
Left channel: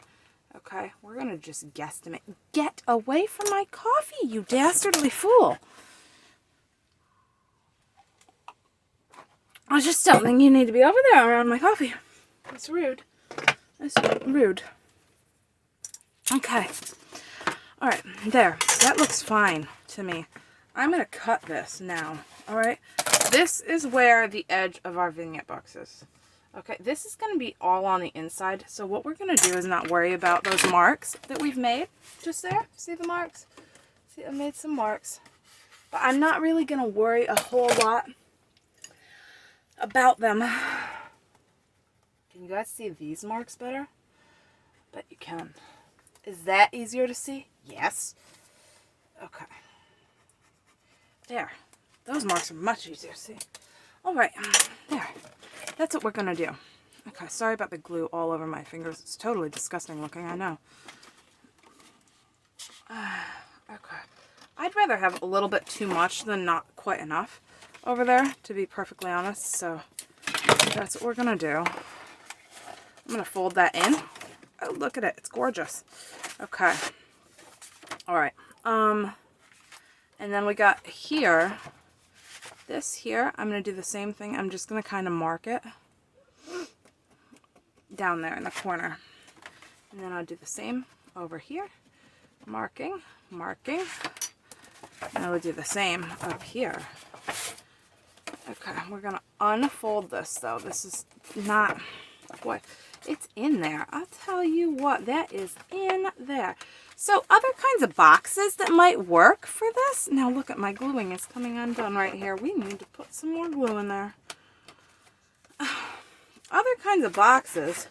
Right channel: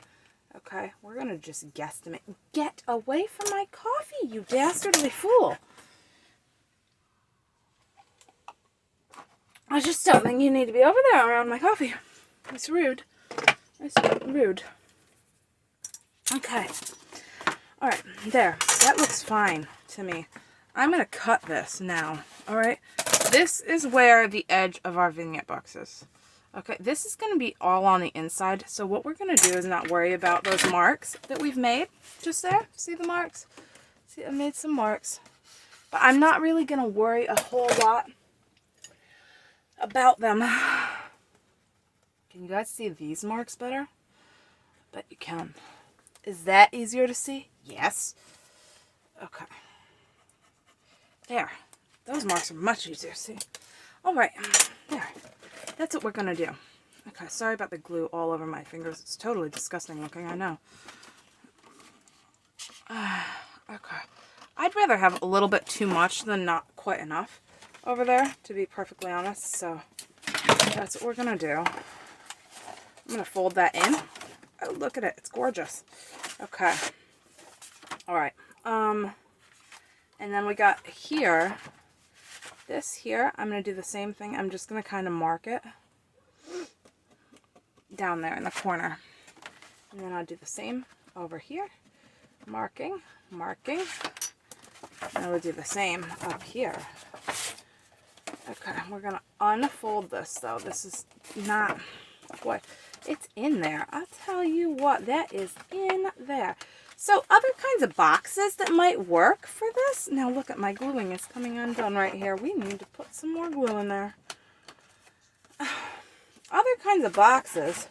Okay, we're going to just guesstimate. Get away from my coffee, you dastardly fool. I just don't think you need to be over there around my coffee. It's rude. It's rude. Okay. Alright, there. That looks fine to me. I'm going to cut this now. Alright? This is where the edge of our vignette box is. Okay, this is going to be all on the inside. So what we're going to do is not worry about those marks that we've made. Just there. See the marks? See, I made some marks. But I'm not really going to worry a whole lot about them. Can you guys see these marks better? I bet you can. Is that easier to see? Yes. Okay. There. Those marks are much easier to see. Alright. There. That's what we're going to do. Okay. Sorry about the glue all over my fingers. It's totally disgusting looking, I know. Okay. I'd rather have a little bit too much than not quite enough over there, to be perfectly honest. So, that's what we're going to do. I'm going to fold that in. Oh, look at it. It's gorgeous. Okay. Alright. And then we got here. This here, I'm going to do the same thing. I'm just going to kind of mark it down there in the corner. And then I'll do the same over here. Marking. And I will do the same up here. Okay, we're going to unfold this, though. This is not... Boy, it's in there. I'll tell you what, that is in there. So other kinds of boxes that might work for this. Now look at my gluing is coming undone right here. We need to put some more glue in there. Other kinds of boxes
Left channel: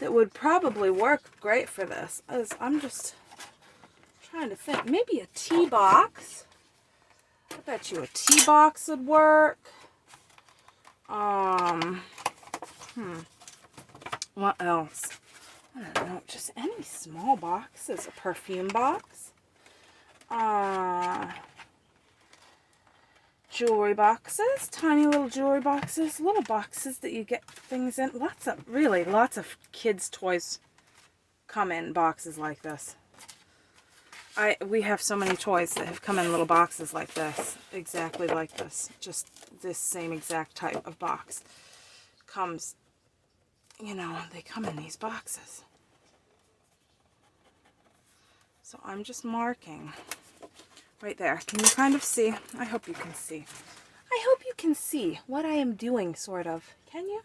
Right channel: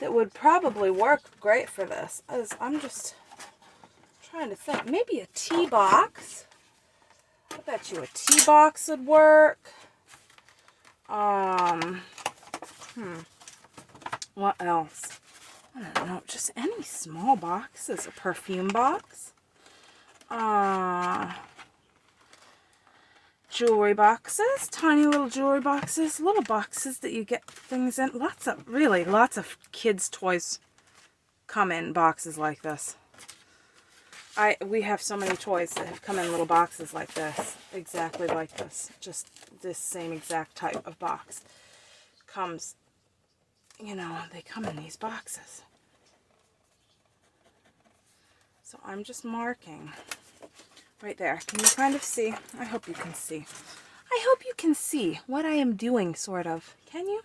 that would probably work great for this is, I'm just trying to think, maybe a tea box. I bet you a tea box would work. What else? I don't know, just any small boxes. A perfume box. Jewelry boxes, tiny little jewelry boxes, little boxes that you get things in. Lots of kids' toys come in boxes like this. We have so many toys that have come in little boxes like this, exactly like this, just this same exact type of box comes, you know, they come in these boxes. So I'm just marking right there. Can you kind of see? I hope you can see. I hope you can see what I am doing, sort of. Can you?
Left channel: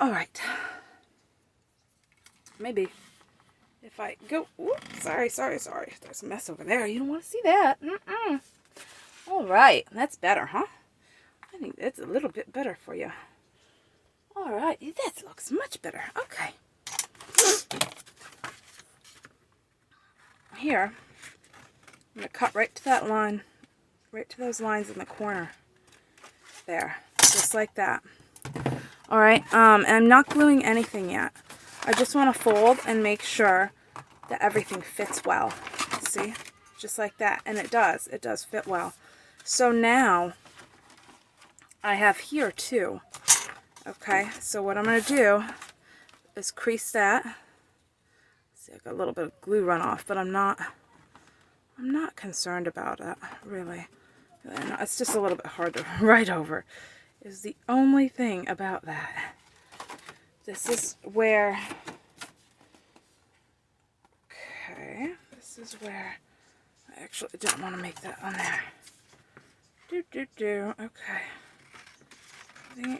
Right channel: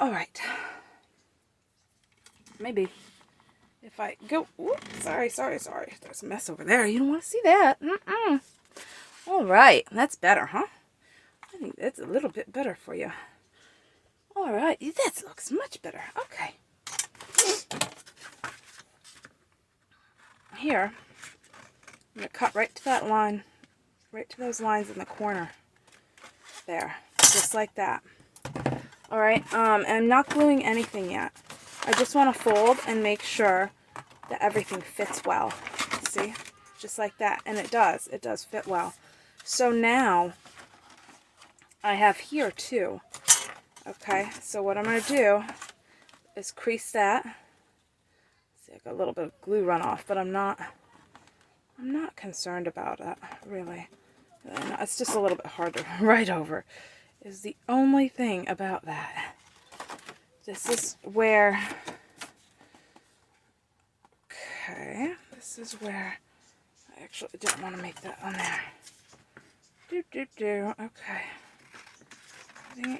All right. Maybe if I go... Oops, sorry. There's a mess over there. You don't want to see that. All right. That's better, huh? I think that's a little bit better for you. All right. That looks much better. Okay. Here, I'm going to cut right to that line, right to those lines in the corner. There, just like that. All right, and I'm not gluing anything yet. I just want to fold and make sure that everything fits well. See, just like that, and it does fit well. So now, I have here too. Okay, so what I'm going to do is crease that. See, I got a little bit of glue runoff, but I'm not concerned about it, really. It's just a little bit hard to write over, is the only thing about that. This is where, okay, this is where, I actually didn't want to make that on there. Okay.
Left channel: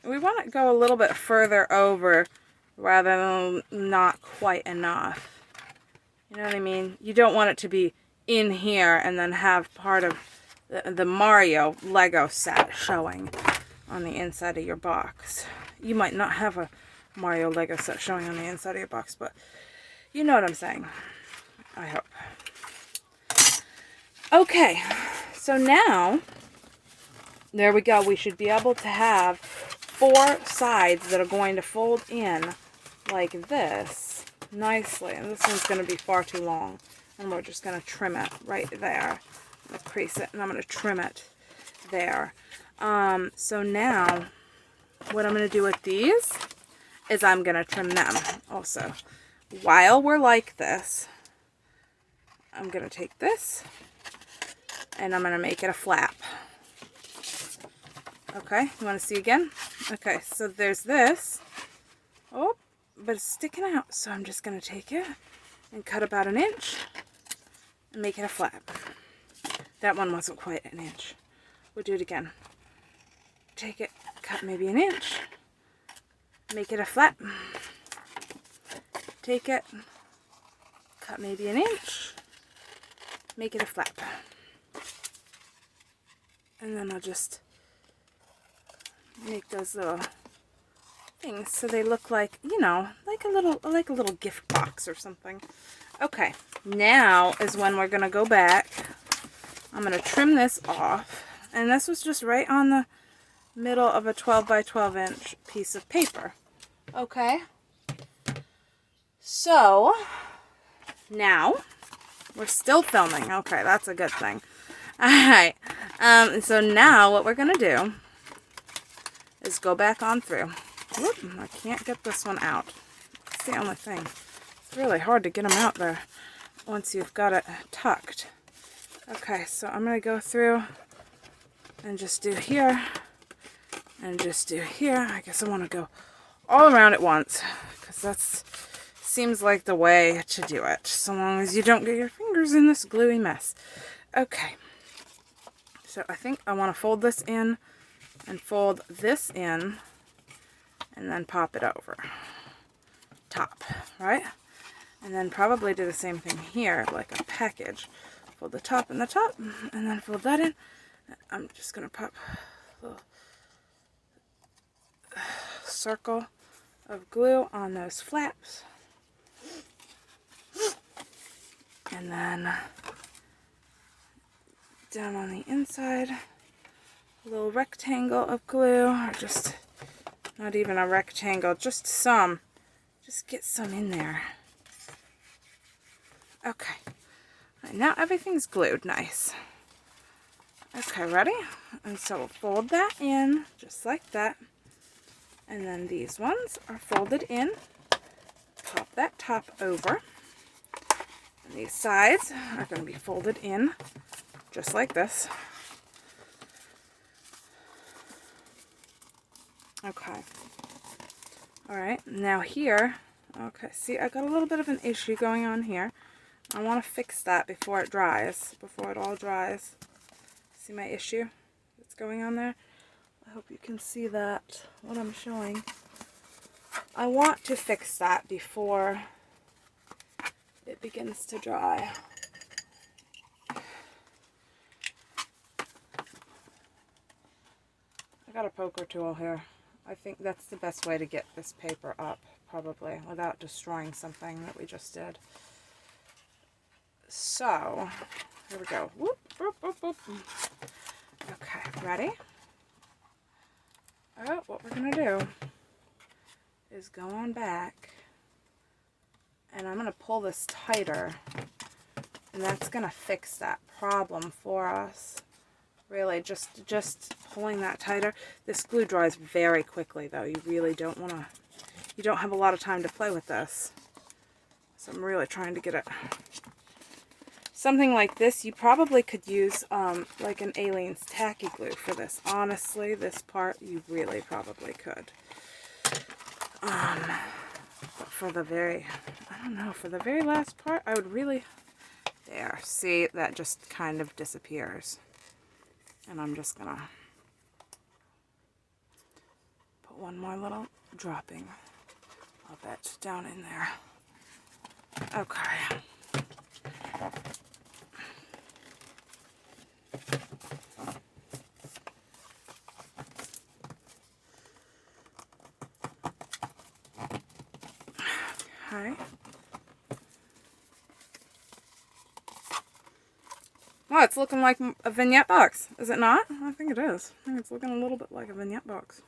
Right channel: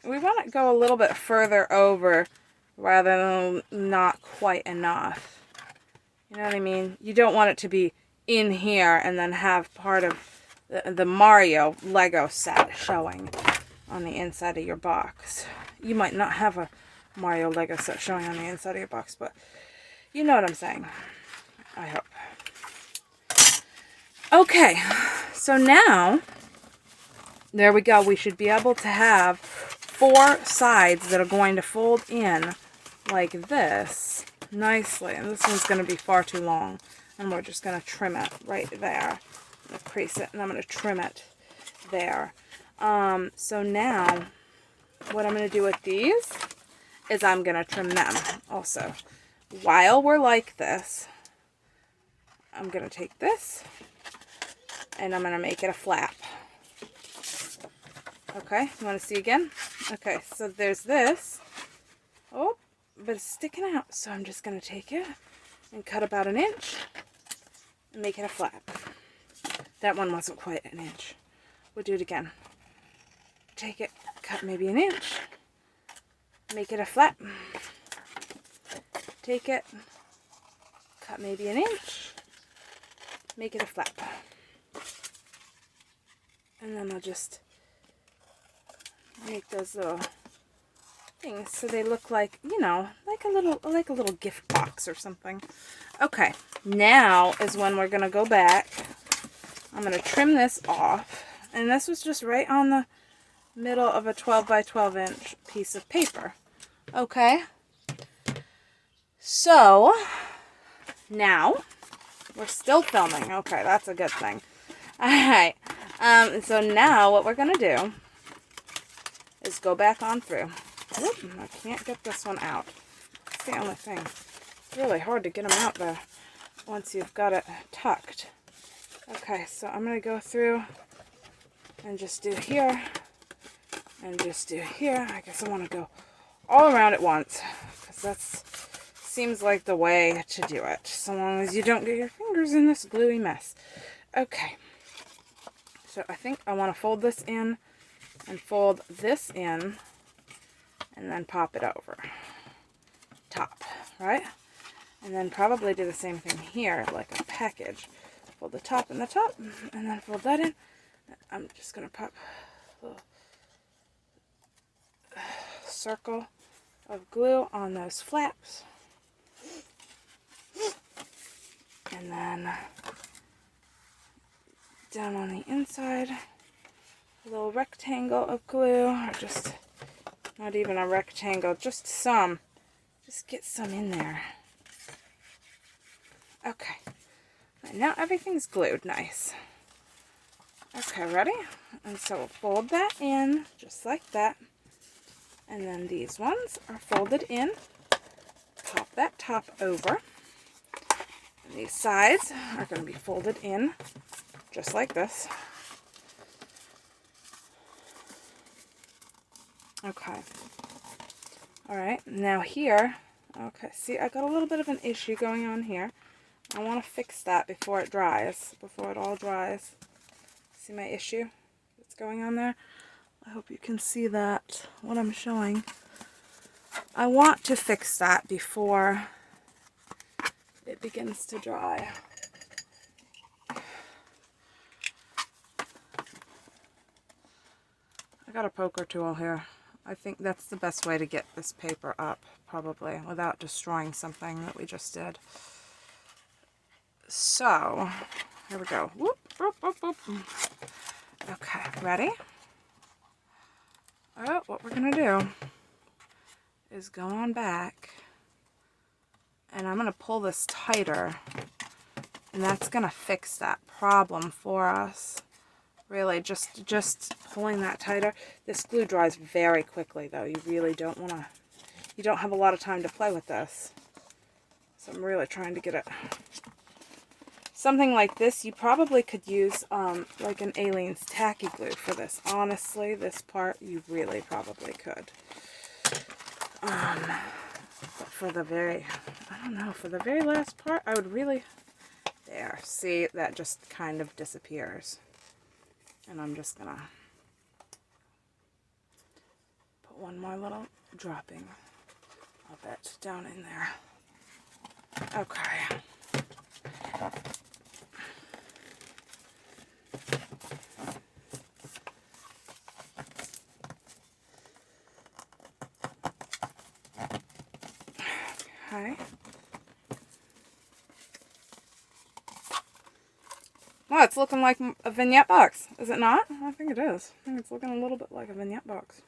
We want to go a little bit further over rather than not quite enough. You know what I mean? You don't want it to be in here and then have part of the Mario Lego set showing on the inside of your box. You might not have a Mario Lego set showing on the inside of your box, but you know what I'm saying. I hope. Okay, so now, there we go. We should be able to have 4 sides that are going to fold in like this nicely. And this one's going to be far too long. And we're just going to trim it right there. I'm going to crease it and I'm going to trim it there. So now, what I'm going to do with these is I'm going to trim them also. While we're like this, I'm going to take this and I'm going to make it a flap. Okay, you want to see again? Okay, so there's this. Oh, but it's sticking out. So I'm just going to take it and cut about 1 inch and make it a flap. That one wasn't quite 1 inch. We'll do it again. Take it, cut maybe 1 inch, make it a flap. Take it, cut maybe 1 inch, make it a flap. And then I'll just make those little things so they look like, you know, like a little gift box or something. Okay, now is when we're going to go back. I'm going to trim this off. And this was just right on the middle of a 12 by 12 inch piece of paper. Okay. So, now, we're still filming. Okay, that's a good thing. Alright. So now what we're going to do is go back on through. Whoop, I can't get this one out. That's the only thing. It's really hard to get them out there once you've got it tucked. Okay, so I'm going to go through and just do here and just do here. I guess I want to go all around at once because that seems like the way to do it, so long as you don't get your fingers in this gluey mess. Okay, So I think I want to fold this in and fold this in and then pop it over top, right? And then probably do the same thing here, like a package. Fold the top and the top, and then fold that in. I'm just going to pop a little circle of glue on those flaps. And then down on the inside, a little rectangle of glue, or just not even a rectangle, just some. Just get some in there. Okay. And now everything's glued nice. Okay, ready? And so we'll fold that in just like that. And then these ones are folded in. Pop that top over. And these sides are going to be folded in just like this. Okay. Alright, now here, okay, see, I got a little bit of an issue going on here. I want to fix that before it dries, before it all dries. See my issue that's going on there? I hope you can see that, what I'm showing. I want to fix that before it begins to dry. I got a poker tool here. I think that's the best way to get this paper up, probably, without destroying something that we just did. So, here we go. Whoop, whoop, whoop, whoop. Okay, ready? Oh, what we're going to do is go on back, and I'm going to pull this tighter, and that's going to fix that problem for us. Really, just pulling that tighter. This glue dries very quickly, though. You really don't want to, you don't have a lot of time to play with this. So I'm really trying to get it. Something like this, you probably could use like an Aleene's tacky glue for this. Honestly, this part, you really probably could. But for the very, I don't know, for the very last part, I would really, there, see, that just kind of disappears. And I'm just gonna put one more little dropping of it down in there. Okay. Okay. Oh, it's looking like a vignette box, is it not? I think it is. I think it's looking a little bit like a vignette box.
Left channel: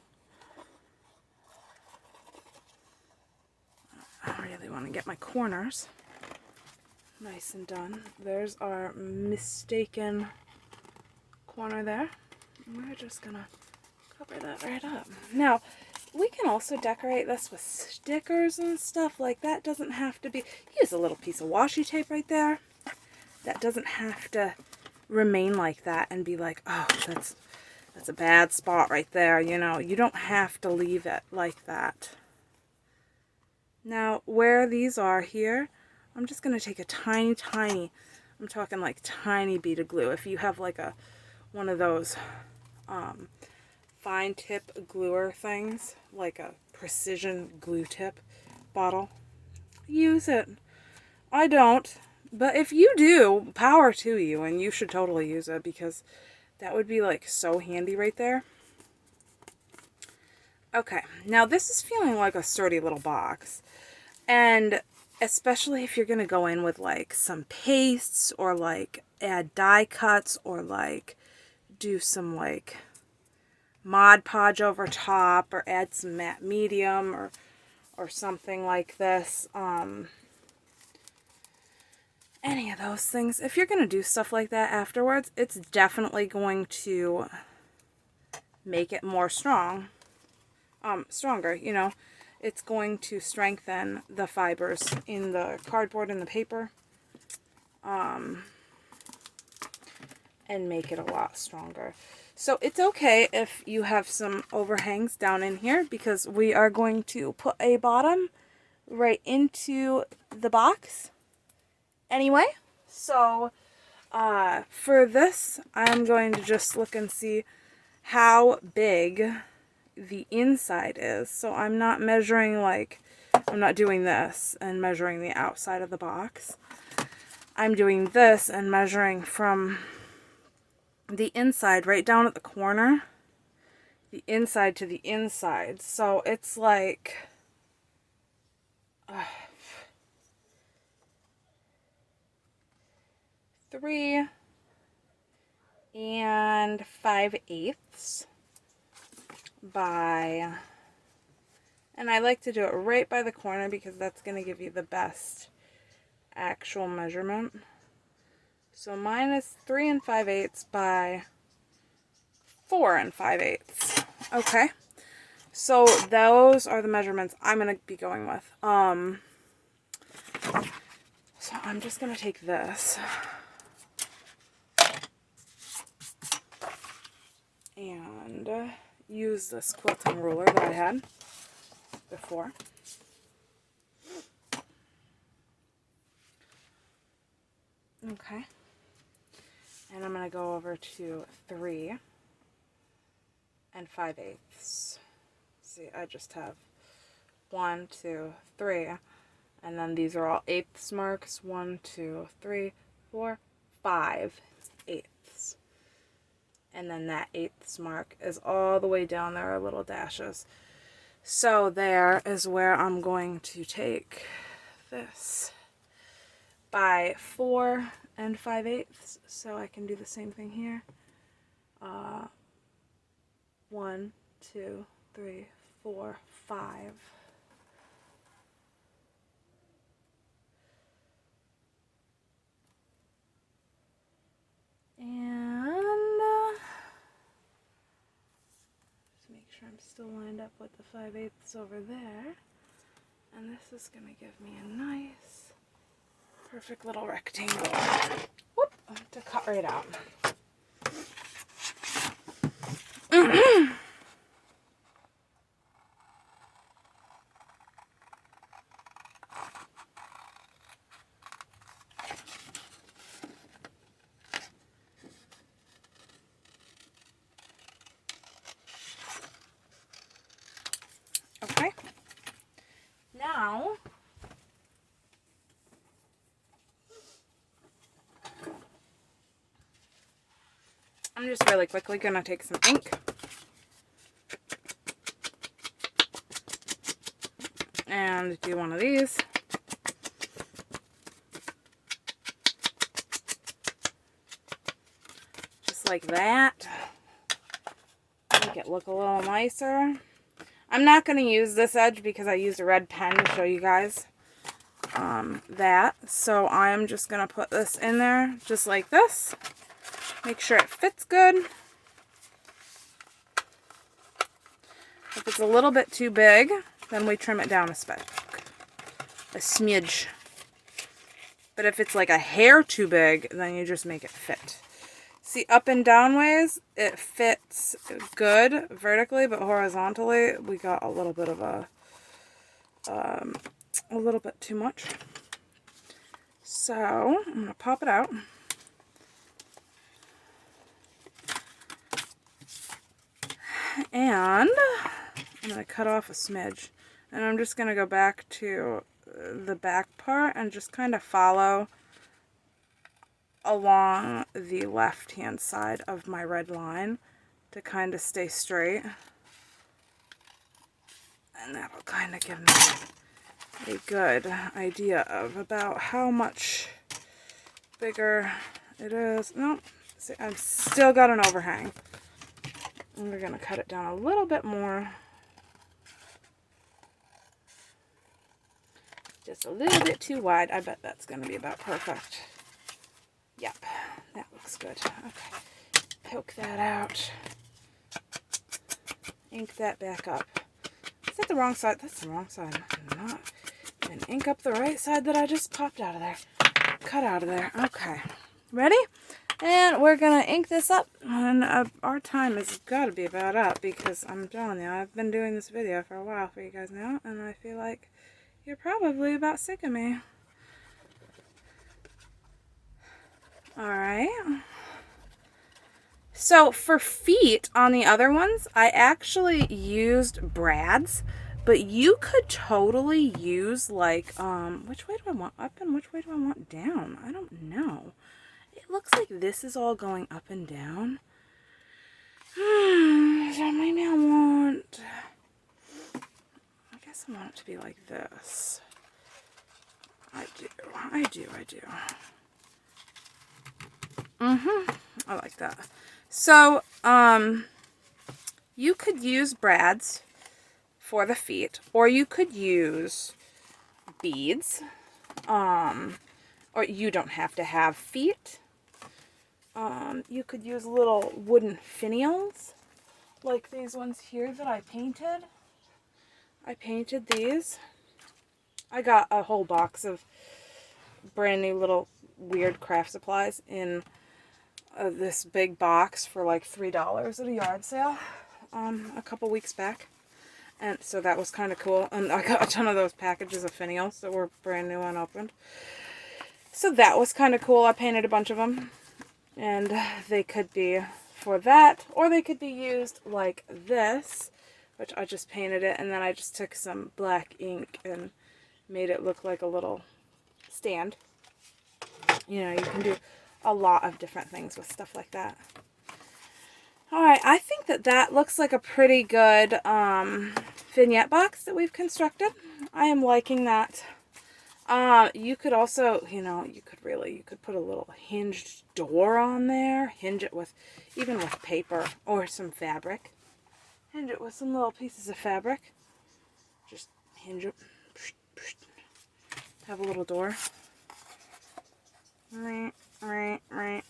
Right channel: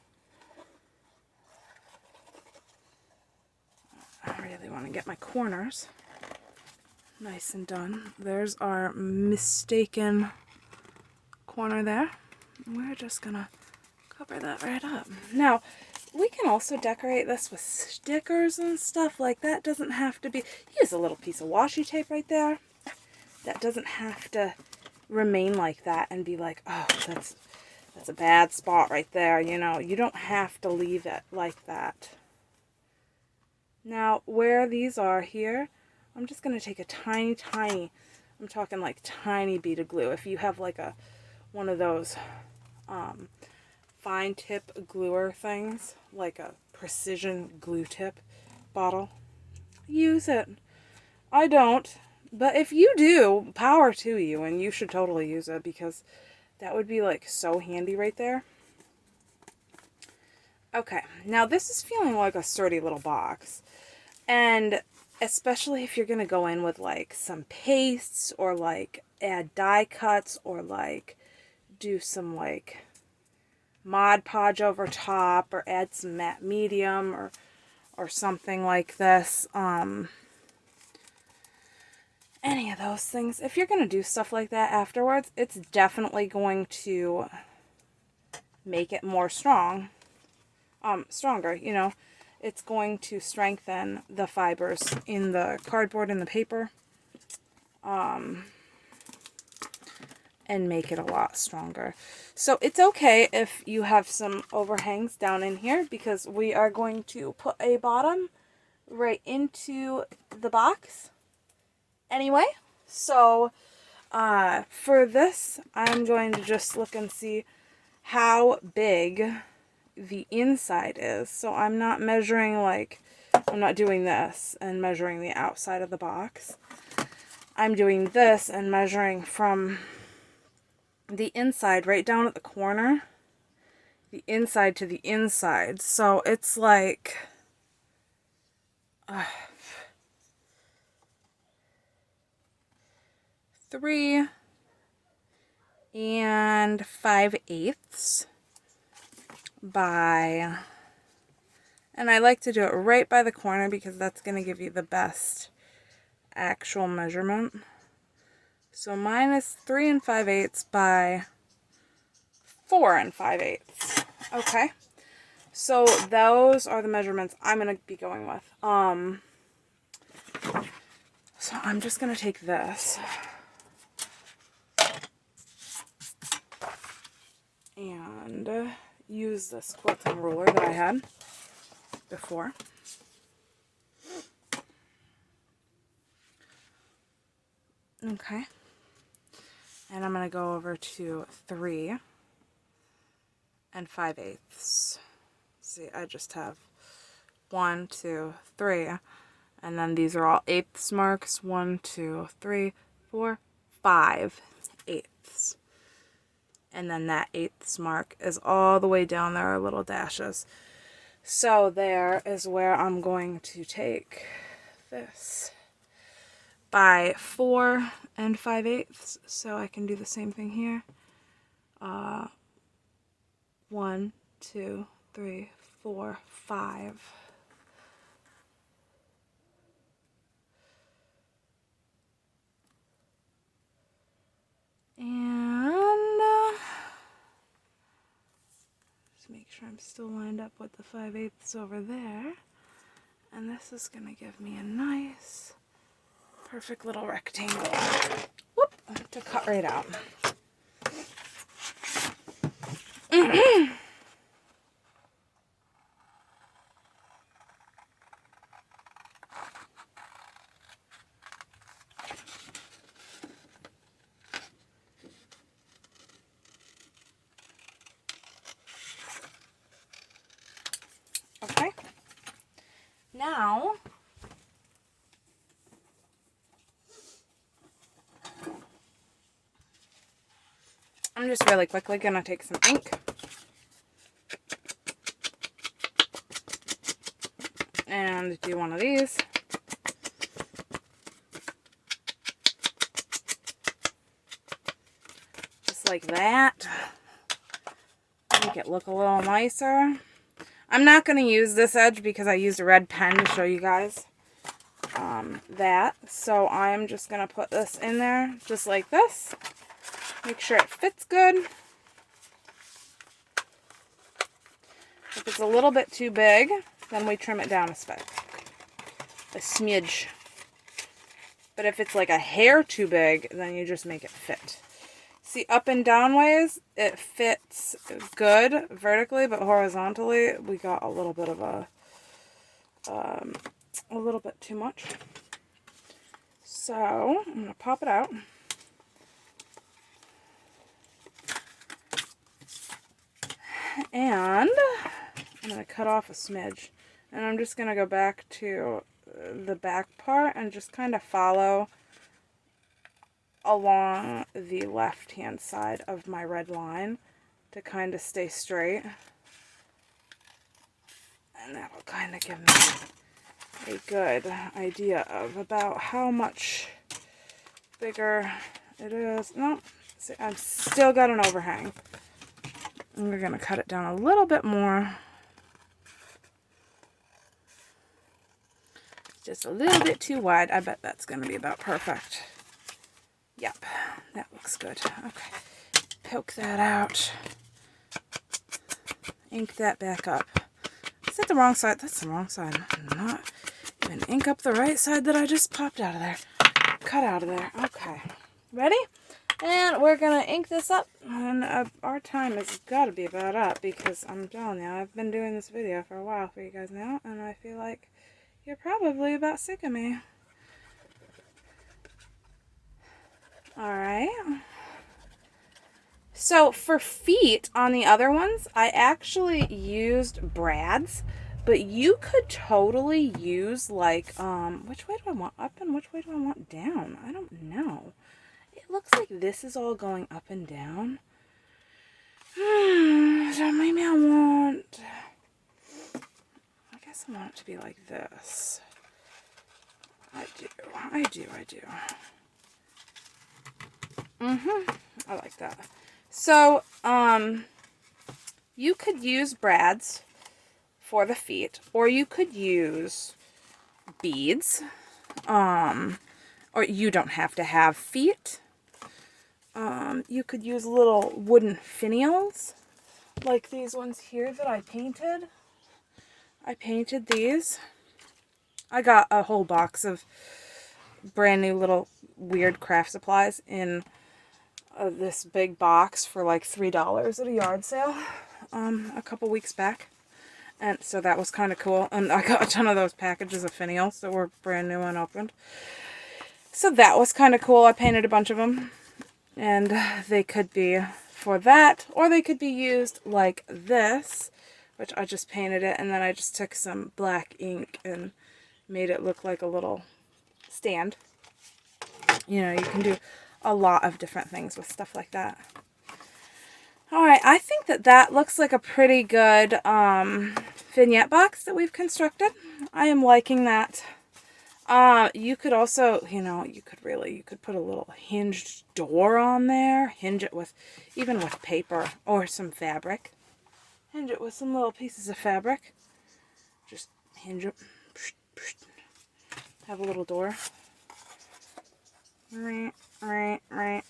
I really want to get my corners nice and done. There's our mistaken corner there. We're just going to cover that right up. Now, we can also decorate this with stickers and stuff. Like, that doesn't have to be... Here's a little piece of washi tape right there. That doesn't have to remain like that and be like, oh, that's a bad spot right there, you know. You don't have to leave it like that. Now, where these are here, I'm just going to take a tiny, I'm talking like tiny bead of glue. If you have like one of those fine tip gluer things, like a precision glue tip bottle, use it. I don't. But if you do, power to you, and you should totally use it, because that would be like so handy right there. Okay, now this is feeling like a sturdy little box, and especially if you're going to go in with like some pastes, or like add die cuts, or like do some like Mod Podge over top, or add some matte medium, or something like this. Any of those things. If you're going to do stuff like that afterwards, it's definitely going to make it more stronger, you know. It's going to strengthen the fibers in the cardboard and the paper, and make it a lot stronger. So it's okay if you have some overhangs down in here, because we are going to put a bottom right into the box anyway. So For this, I'm going to just look and see how big the inside is. So I'm not measuring like, I'm not doing this and measuring the outside of the box. I'm doing this and measuring from the inside right down at the corner, the inside to the inside. So it's like 3 5/8 by, and I like to do it right by the corner because that's going to give you the best actual measurement. So mine is 3 5/8 by 4 5/8. Okay. So those are the measurements I'm going to be going with. So I'm just going to take this and use this quilting ruler that I had before. Okay. And I'm going to go over to 3 5/8. See, I just have 1, 2, 3. And then these are all eighths marks. 1, 2, 3, 4, 5 eighths. And then that eighths mark is all the way down there, are little dashes. So there is where I'm going to take this by 4 5/8. So I can do the same thing here. 1, 2, 3, 4, 5. And just make sure I'm still lined up with the 5/8 over there. And this is going to give me a nice, perfect little rectangle. Whoop, to cut right out. Okay. Now, I'm just really quickly going to take some ink and do one of these. Just like that. Make it look a little nicer. I'm not going to use this edge because I used a red pen to show you guys that. So I'm just going to put this in there just like this. Make sure it fits good. If it's a little bit too big, then we trim it down a smidge. But if it's like a hair too big, then you just make it fit. See, up and down ways, it fits good vertically, but horizontally, we got a little bit of a little bit too much. So, I'm going to pop it out. And I'm going to cut off a smidge. And I'm just going to go back to the back part and just kind of follow along the left hand side of my red line to kind of stay straight, and that will kind of give me a good idea of about how much bigger it is. No, see, I've still got an overhang, and we're going to cut it down a little bit more, just a little bit too wide. I bet that's going to be about perfect. Yep, that looks good. Okay, poke that out. Ink that back up. Is that the wrong side? That's the wrong side. I'm not even ink up the right side that I just popped out of there. Cut out of there. Okay, ready? And we're going to ink this up. And our time has got to be about up because I'm telling you, I've been doing this video for a while for you guys now. And I feel like you're probably about sick of me. All right. So for feet on the other ones, I actually used brads, but you could totally use like, which way do I want up and which way do I want down? I don't know. It looks like this is all going up and down. So maybe I guess I want it to be like this. I do. I like that. So, you could use brads for the feet, or you could use beads, or you don't have to have feet. You could use little wooden finials, like these ones here that I painted. I painted these. I got a whole box of brand new little weird craft supplies in this big box for like $3 at a yard sale a couple weeks back. And so that was kind of cool. And I got a ton of those packages of finials that were brand new and unopened. So that was kind of cool. I painted a bunch of them. And they could be for that, or they could be used like this, which I just painted it, and then I just took some black ink and made it look like a little stand. You know, you can do a lot of different things with stuff like that. Alright, I think that looks like a pretty good vignette box that we've constructed. I am liking that. You could also, you could put a little hinged door on there. Hinge it with, even with paper or some fabric. Hinge it with some little pieces of fabric. Just hinge it. Have a little door. Right. I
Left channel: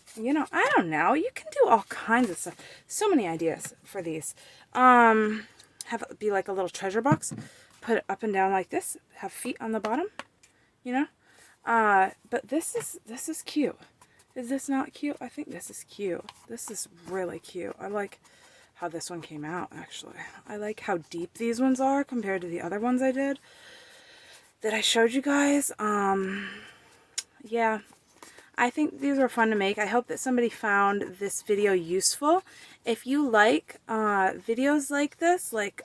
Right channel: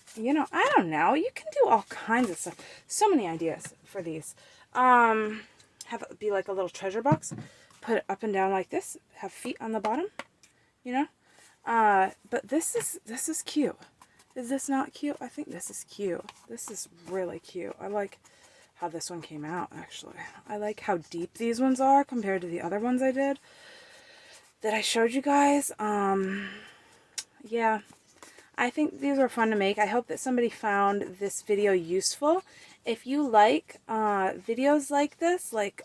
don't know. You can do all kinds of stuff. So many ideas for these. Have it be like a little treasure box. Put it up and down like this. Have feet on the bottom. But this is cute. Is this not cute? I think this is cute. This is really cute. I like how this one came out, actually. I like how deep these ones are compared to the other ones I did that I showed you guys. Yeah, I think these are fun to make. I hope that somebody found this video useful. If you like videos like this, like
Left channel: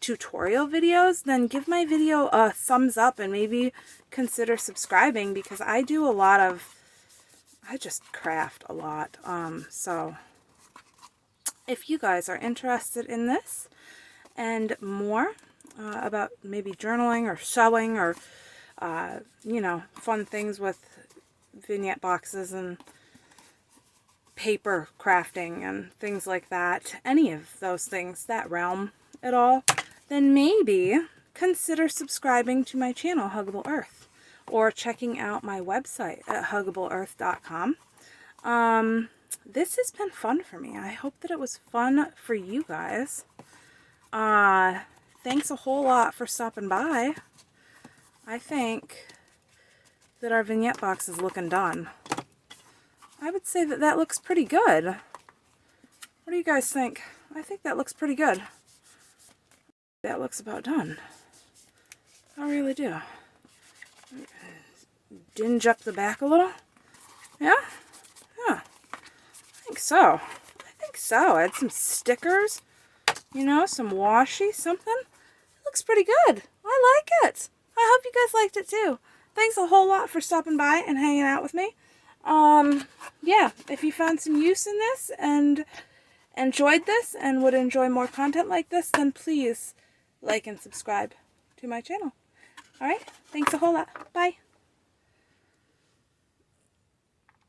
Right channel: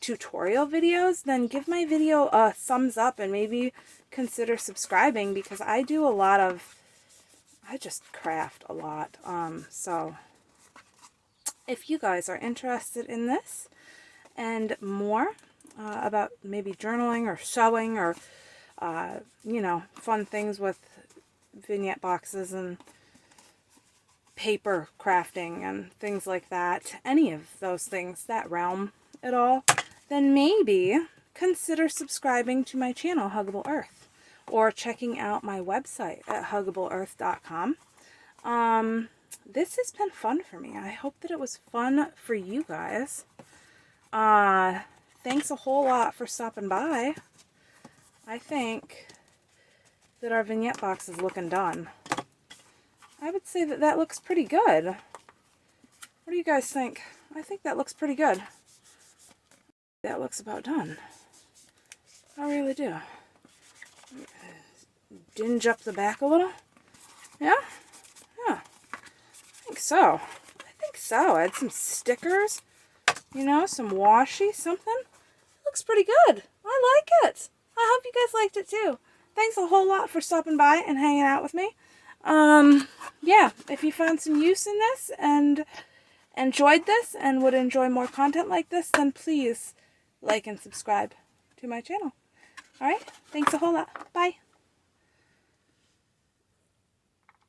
tutorial videos, then give my video a thumbs up and maybe consider subscribing, because I just craft a lot. So if you guys are interested in this and more about maybe journaling or sewing or fun things with vignette boxes and paper crafting and things like that, any of those things, that realm at all, then maybe consider subscribing to my channel, Huggable Earth, or checking out my website at huggableearth.com. This has been fun for me. I hope that it was fun for you guys. Thanks a whole lot for stopping by. I think that our vignette box is looking done. I would say that looks pretty good. What do you guys think? I think that looks pretty good. That looks about done. I really do. Dinge up the back a little. Yeah? Yeah. I think so. Add some stickers. Some washi, something. Looks pretty good. I like it. I hope you guys liked it too. Thanks a whole lot for stopping by and hanging out with me. Yeah, if you found some use in this and enjoyed this and would enjoy more content like this, then please like and subscribe to my channel. Alright, thanks a whole lot. Bye.